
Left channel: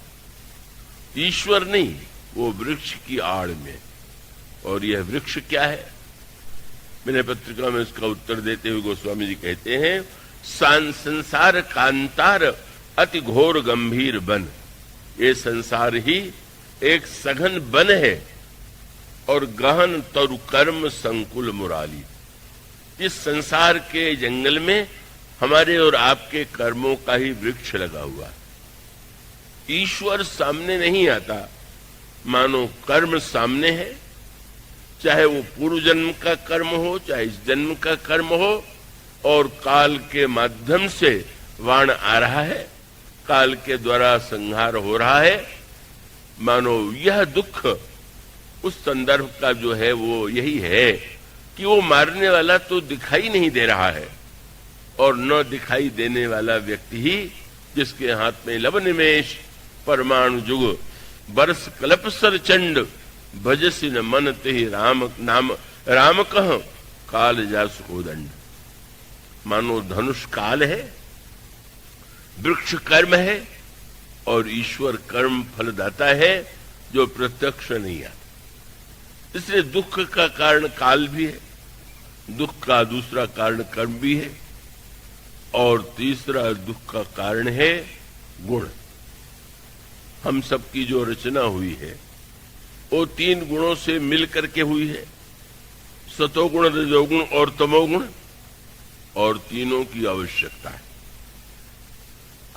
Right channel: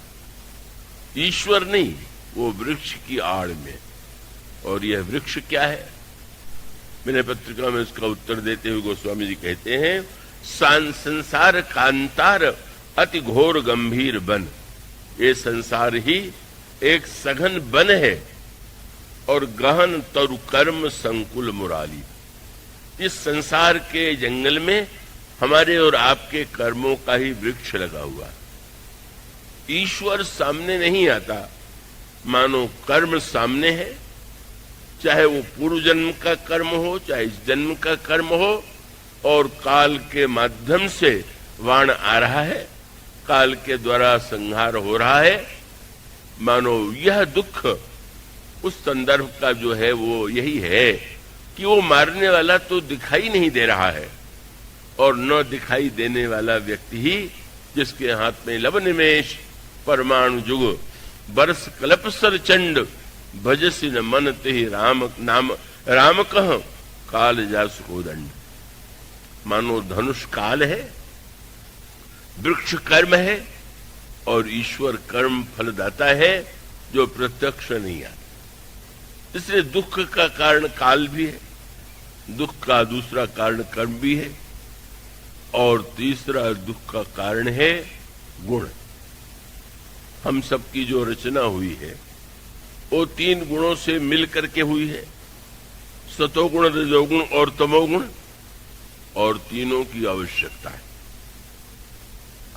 ईश्वर नहीं, वो वृक्ष की आड़ में। और यह वृक्ष क्या है? मैंने पत्रिका में उसका उत्तर देते हुए गोस्वामी जी कहते हैं, संसार कांतार अति घोर गंभीर वन। ये संसार ही एक सघन वन है और गहन तरु कर्म संकुल मुरारी। इस संसार के जंगल में हमारे और आपके कर्मों का ही वृक्ष लगा हुआ है। ईश्वर सामने नहीं आता, मानो कर्म सामने है, चाहे वो पूर्व जन्म का कर्म हो, चाहे इस जन्म का कर्म हो, और काल के माध्यम से वाण आ रहा है, काल के द्वारा संहार हो रहा है। मानो यह दुख उस संदर्भ का जो है वो यही है कि वो मारने वाला तो दिखाई नहीं दे रहा है, और न दिखाई देने वाला व्यक्ति ही जिसके हाथ में लव निमेश परमाणु जुग बरस कल्पसर चंड भजसी न मन ते राम नाम राम कह काल जास कोदंड। मानो धनुष काल है, वृक्ष कर्म है, और ईश्वर कर्म फलदाता है जो प्रत्यक्ष नहीं आता। इसलिए दुख का कारण काल भी है, दुख का दूसरा कारण कर्म भी है, और तीसरा दुख का कारण है गुण। हम सबकी जो रचना हुई है वो 3 गुणों से मिल करके हुई है, सतोगुण, रजोगुण और तमोगुण, और तीनों की आवश्यकता है।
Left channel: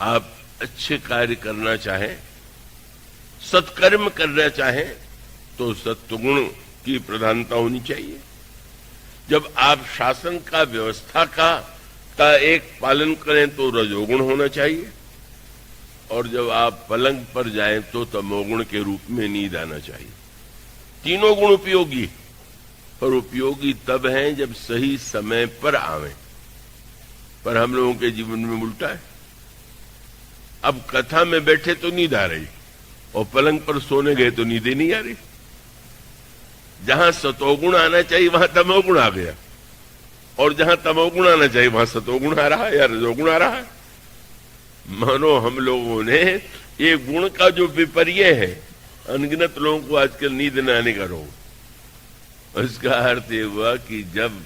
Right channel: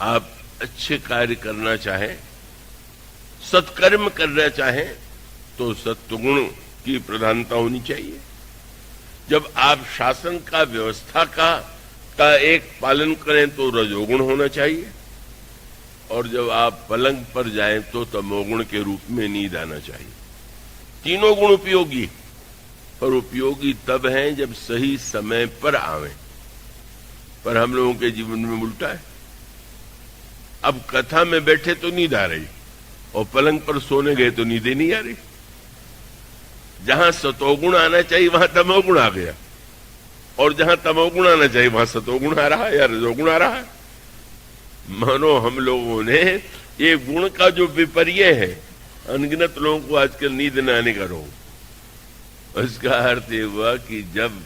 आप अच्छे कार्य करना चाहें, सत्कर्म करना चाहें, तो सत्वगुण की प्रधानता होनी चाहिए। जब आप शासन का, व्यवस्था का एक पालन करें तो रजोगुण होना चाहिए, और जब आप पलंग पर जाएं तो तमोगुण के रूप में नींद आना चाहिए। तीनों गुण उपयोगी, और उपयोगी तब हैं जब सही समय पर आवें। पर हम लोगों के जीवन में उल्टा है। अब कथा में बैठे तो नींद आ रही, और पलंग पर सोने गए तो नींद नहीं आ रही। जहां सतोगुण आना चाहिए वहां तमोगुण आ गया, और जहां तमोगुण आना चाहिए वहां सतोगुण आ रहा है या रजोगुण आ रहा है। मानो हम लोगों ने ये गुण का जो विपर्य है, अनगिनत लोगों को आजकल नींद न आने का रोग। इसका अर्थ ये हुआ कि जब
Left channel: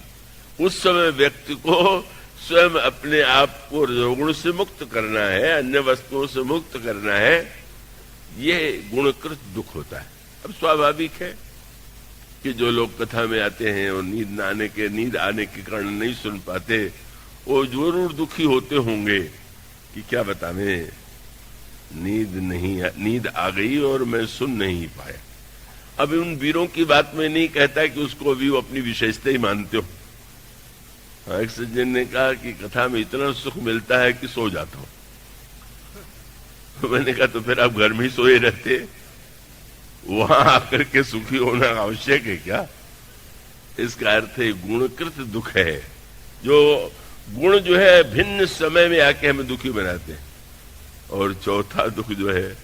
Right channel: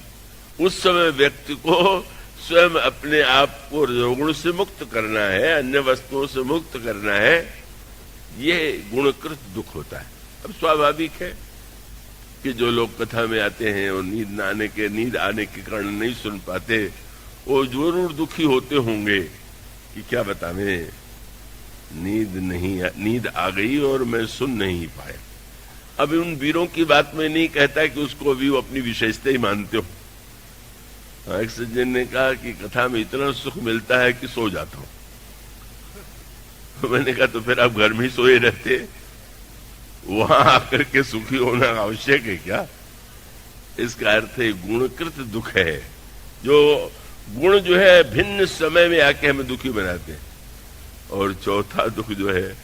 उस समय व्यक्ति को स्वयं अपने आप को रजोगुण से मुक्त करना है, अन्य वस्तुओं से मुक्त करना है, ये गुणकृत दुख होता है। अब स्वाभाविक है कि जो लोग कथा में आते हैं और नींद आने के कारण नहीं सुन पाते, वो जरूर दुखी होते होंगे कि क्या बतावें, नींद आ गई और मैं सुन नहीं पाया। अब उन वीरों की बात में नहीं कहता कि उसको भी वो अपनी विशेषता ही मानते हो। एक सज्जन ने कहा कि कथा में इतना सुख मिलता है कि सो जाता हूं। तो मैंने कहा तो फिर आप घर में ही सोए रहते, वहां आकर के सुखी होना आवश्यक है क्या? इसका अर्थ है गुणकृत दुख है, जो गुण जो है भिन्न समय में आके हमें दुखी बनाते हैं। और चौथा दुख जो है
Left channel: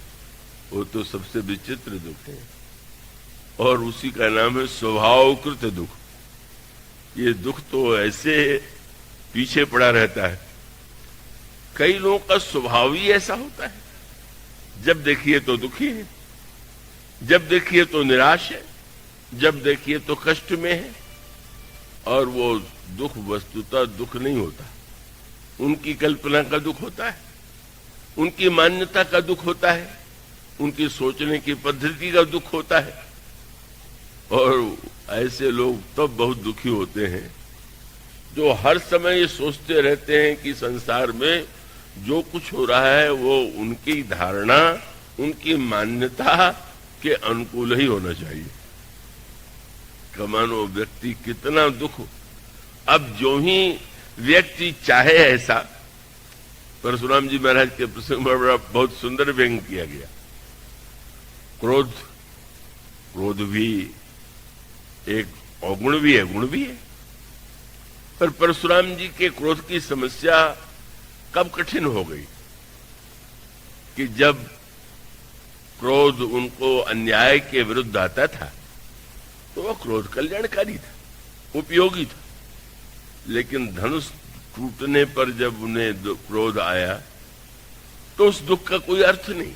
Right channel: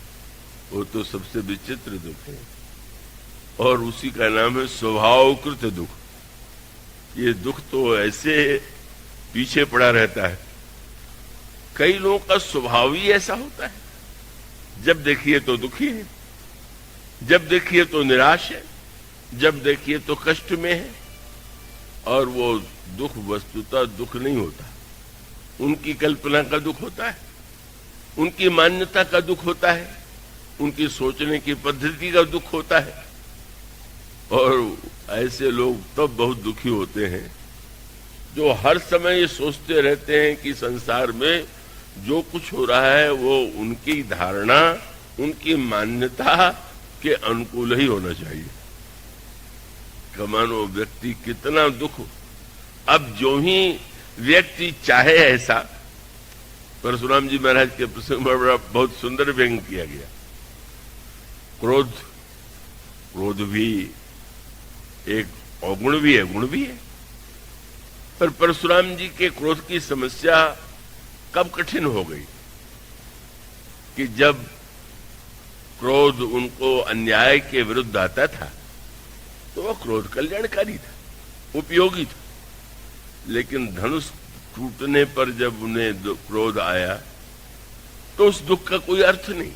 वो तो सबसे विचित्र दुख है, और उसी का नाम है स्वभावकृत दुख। ये दुख तो ऐसे पीछे पड़ा रहता है। कई लोगों का स्वभाव ही ऐसा होता है, जब देखिए तो दुखी है, जब देखिए तो निराश है, जब देखिए तो कष्ट में है। और वो दुख वस्तुतः दुख नहीं होता, उनकी कल्पना का दुख होता है, उनकी मान्यता का दुख होता है, उनकी सोचने की पद्धति का दुख होता है। और ऐसे लोग तब बहुत दुखी होते हैं जो हर समय ये सोचते रहते हैं कि संसार में जो कुछ हो रहा है वो उनकी धारणा, उनकी मान्यता के अनुकूल ही होना चाहिए। कमानो व्यक्ति कितना दुख, अब जो ही व्यक्ति चाहे ऐसा, परशुराम जी महाराज के प्रसंग में बहुत सुंदर व्यंग किया गया। क्रोध भी एक अवगुण भी है, गुण भी है। पर परशुराम जी के क्रोध की समस्या कब कठिन हो गई कि जब क्रोध उनको अन्याय के विरुद्ध आता था तो वह क्रोध कल्याणकारी था, उपयोगी था। लेकिन धनुष टूटने पर जब उन्हें क्रोध आया तो उस दुख का कोई अर्थ नहीं,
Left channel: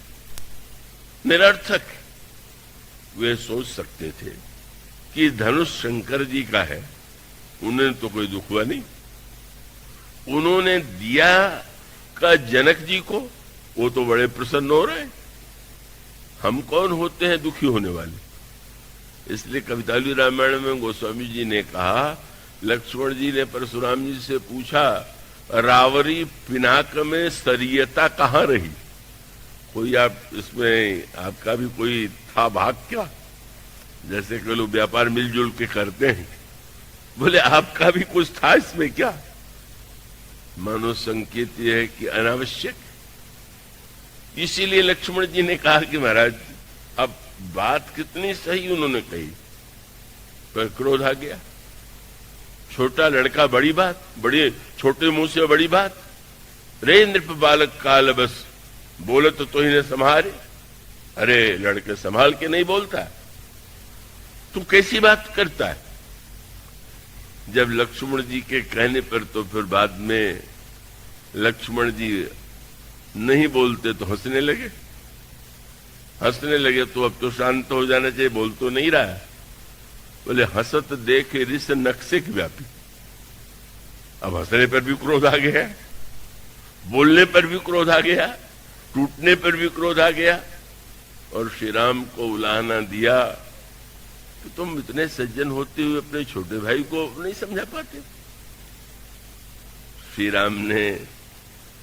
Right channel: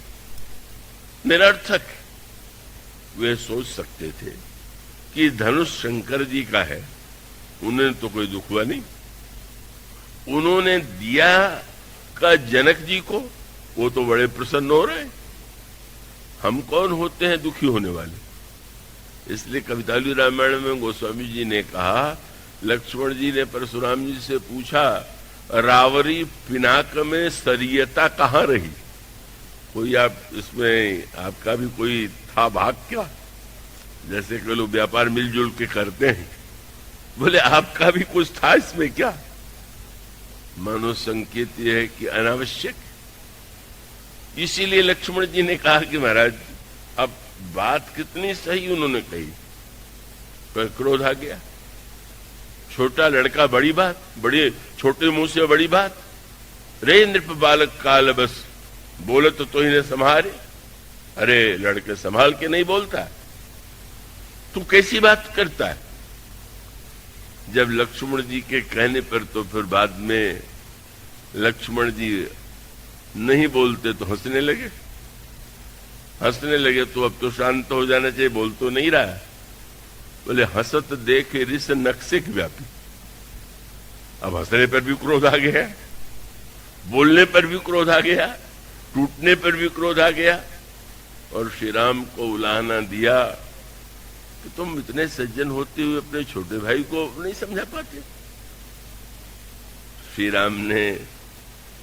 निरर्थक। वे सोच सकते थे कि धनुष शंकर जी का है, उन्हें तो कोई दुख हुआ नहीं। उन्होंने दिया का जनक जी को, वो तो बड़े प्रसन्न हो रहे। हम कौन होते हैं दुखी होने वाले? इसलिए कविताली रामायण में गोस्वामी जी ने कहा, लक्ष्मण जी ने परशुराम जी से पूछा, रावरी पिनाक में सरियता कहाँ रही? कोई आप इसमें आपका भी कोई था भाग क्या? जैसे कि लोग व्यापार मिलजुल के करते हैं, बोले आपका भी कुछ था इसमें क्या? मानो संकेत यह है कि अनावश्यक। इसीलिए लक्ष्मण जी ने कहा कि महाराज अब बात कितनी सही उन्होंने कही, पर क्रोध आ गया। छोटा लड़का बड़ी बात, बड़े छोटे मुंह से बड़ी बात। रे नृप बालक काल बस, बोले तो इन्हें संभाले। अरे लड़के संभाल के नहीं बोलता, तू कैसी बात करता है? जब लक्ष्मण जी के कहने पर तो फिर बाद में लक्ष्मण जी नहीं बोलते तो हंसने लगे। तो अब तो शांत हो जाना चाहिए, बोल तो नहीं रहा। बोले हंसत देख रिस नक्सिक व्यापी। अब हंसने पर भी क्रोध आ गया, बोलने पर भी क्रोध आ गया, टूटने पर भी क्रोध आ गया। और श्री राम को उलाहना दिया कि तुम इतने सज्जन होते हुए अपने छोटे भाई को नहीं समझा पाते। श्री राम ने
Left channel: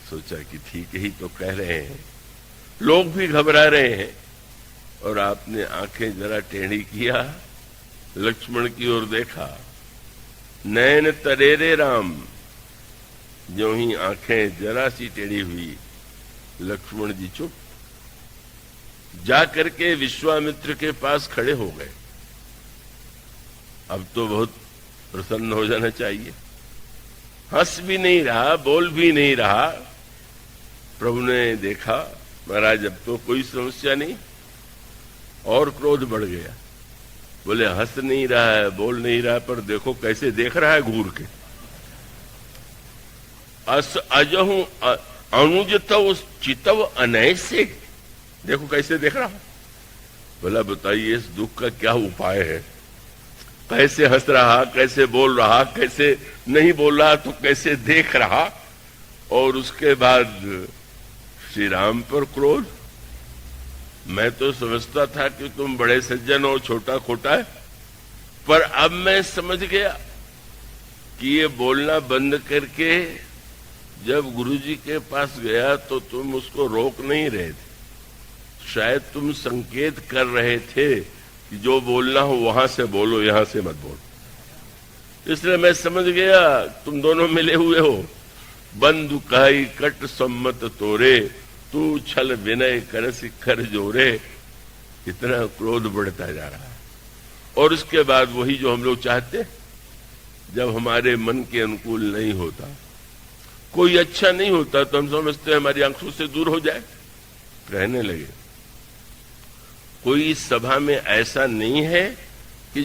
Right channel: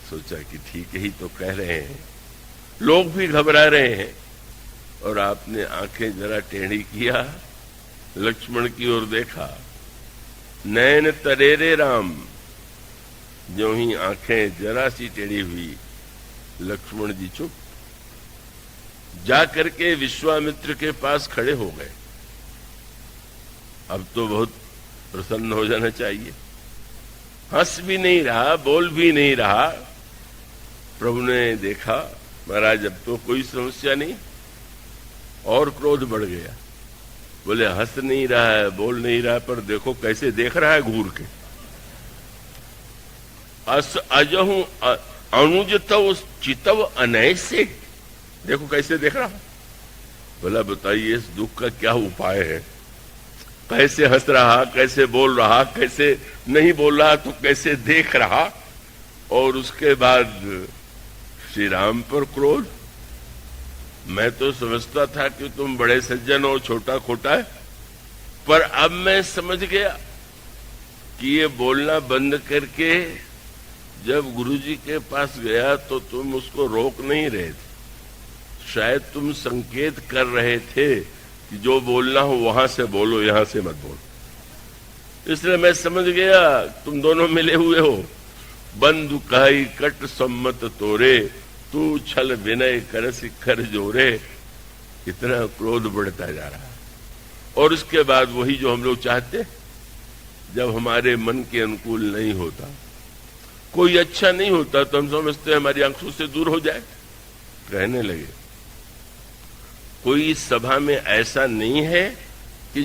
सोचा कि ठीक ही तो कह रहे हैं, लोग भी घबरा रहे हैं। और आपने आंखें जरा टेढ़ी किया, लक्ष्मण की ओर देखा, नैन तरेरे राम। जो ही आंखें जरा सी टेढ़ी हुई, लक्ष्मण जी चुप। जाकर के विश्वामित्र के पास खड़े हो गए। अब तो बहुत प्रसन्न हो जाना चाहिए। हंस भी नहीं रहा, बोल भी नहीं रहा। प्रभु ने देखा, महाराज अब तो कोई समस्या नहीं। और क्रोध बढ़ गया। बोले हंस नहीं रहा है, बोल नहीं रहा, पर देखो कैसे देख रहा है घूर के। अस अजहू अनुजतव चितव अनैसे, देखो कैसे देख रहा है। बोला बताइए इस दुख का क्या उपाय है? कैसे हंस रहा, कैसे बोल रहा, कैसे नहीं बोल रहा, तो कैसे देख रहा। और उसके बाद श्री राम पर क्रोध। मैं तो समझता था कि तुम बड़े सज्जन हो, छोटा खोटा, पर अब मैं समझ गया कि ये बोलना बंद करके जब गुरुजी के पास गया तो तुम उसको रोक नहीं रहे थे, शायद तुम संकेत कर रहे थे कि जो बोलना हो वहां से बोलो, यहां से मत बोलो। इसलिए मैं समझ गया तुम दोनों मिले हुए हो। बंधु कहाई कट सम्मत तोरे, तू छल विनय कर शिखर जोरे। इतना क्रोध बढ़ता जा रहा है। और उसके बाद वही जो हम लोग चाहते, जब हमारे मन के अनुकूल नहीं होता, कोई अच्छा नहीं होता, तो हम समझते हमारी आंखों से दूर हो जाए, रहने लगे। कोई सभा में ऐसा नहीं है कि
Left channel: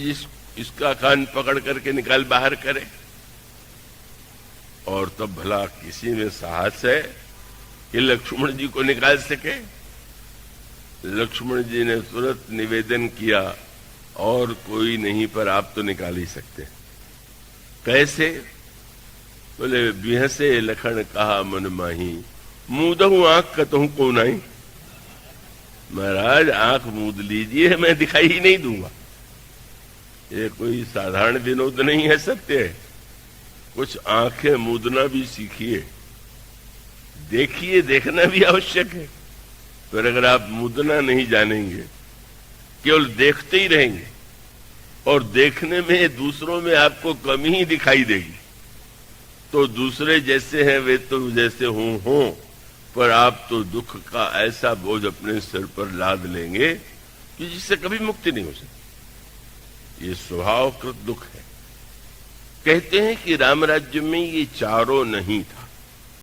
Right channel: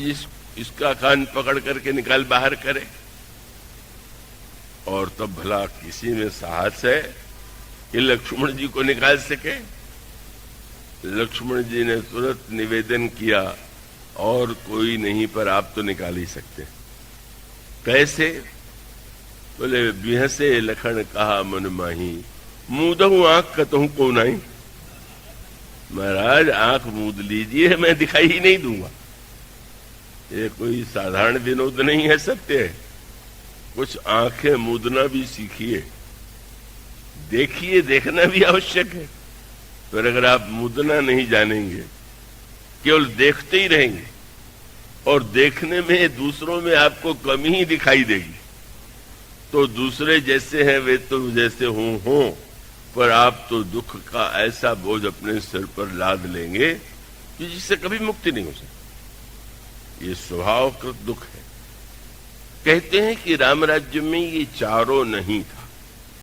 इसका कान पकड़ करके निकाल बाहर करे। और तब भला किसी में साहस है कि लक्ष्मण जी को निकाल सके? लक्ष्मण जी ने तुरंत निवेदन किया, और कोई नहीं, पर आप तो निकाल ही सकते। कैसे? बोले बिहसे लखन कहा मन माही, मूदहू आंख कतहू को नहीं। महाराज आंख मूद लीजिए, मैं दिखाई ही नहीं दूंगा। ये कोई साधारण विनोद नहीं है, सत्य है। कुछ आंखें मूदना भी सीखिए, देखिए, देखना भी आवश्यक है। फिर अगर आप मूदना नहीं जानेंगे, केवल देखते ही रहेंगे, और देखने में दूसरों में आपको कमी ही दिखाई देगी, तो दूसरे जैसे हैं वे तो जैसे हों, पर आप तो दुख का ऐसा बोझ अपने सिर पर लाद लेंगे कि जिससे कभी मुक्ति नहीं हो सकती। ये स्वभावकृत दुख है। कहते हैं कि राम राज्य में ये चारों नहीं था।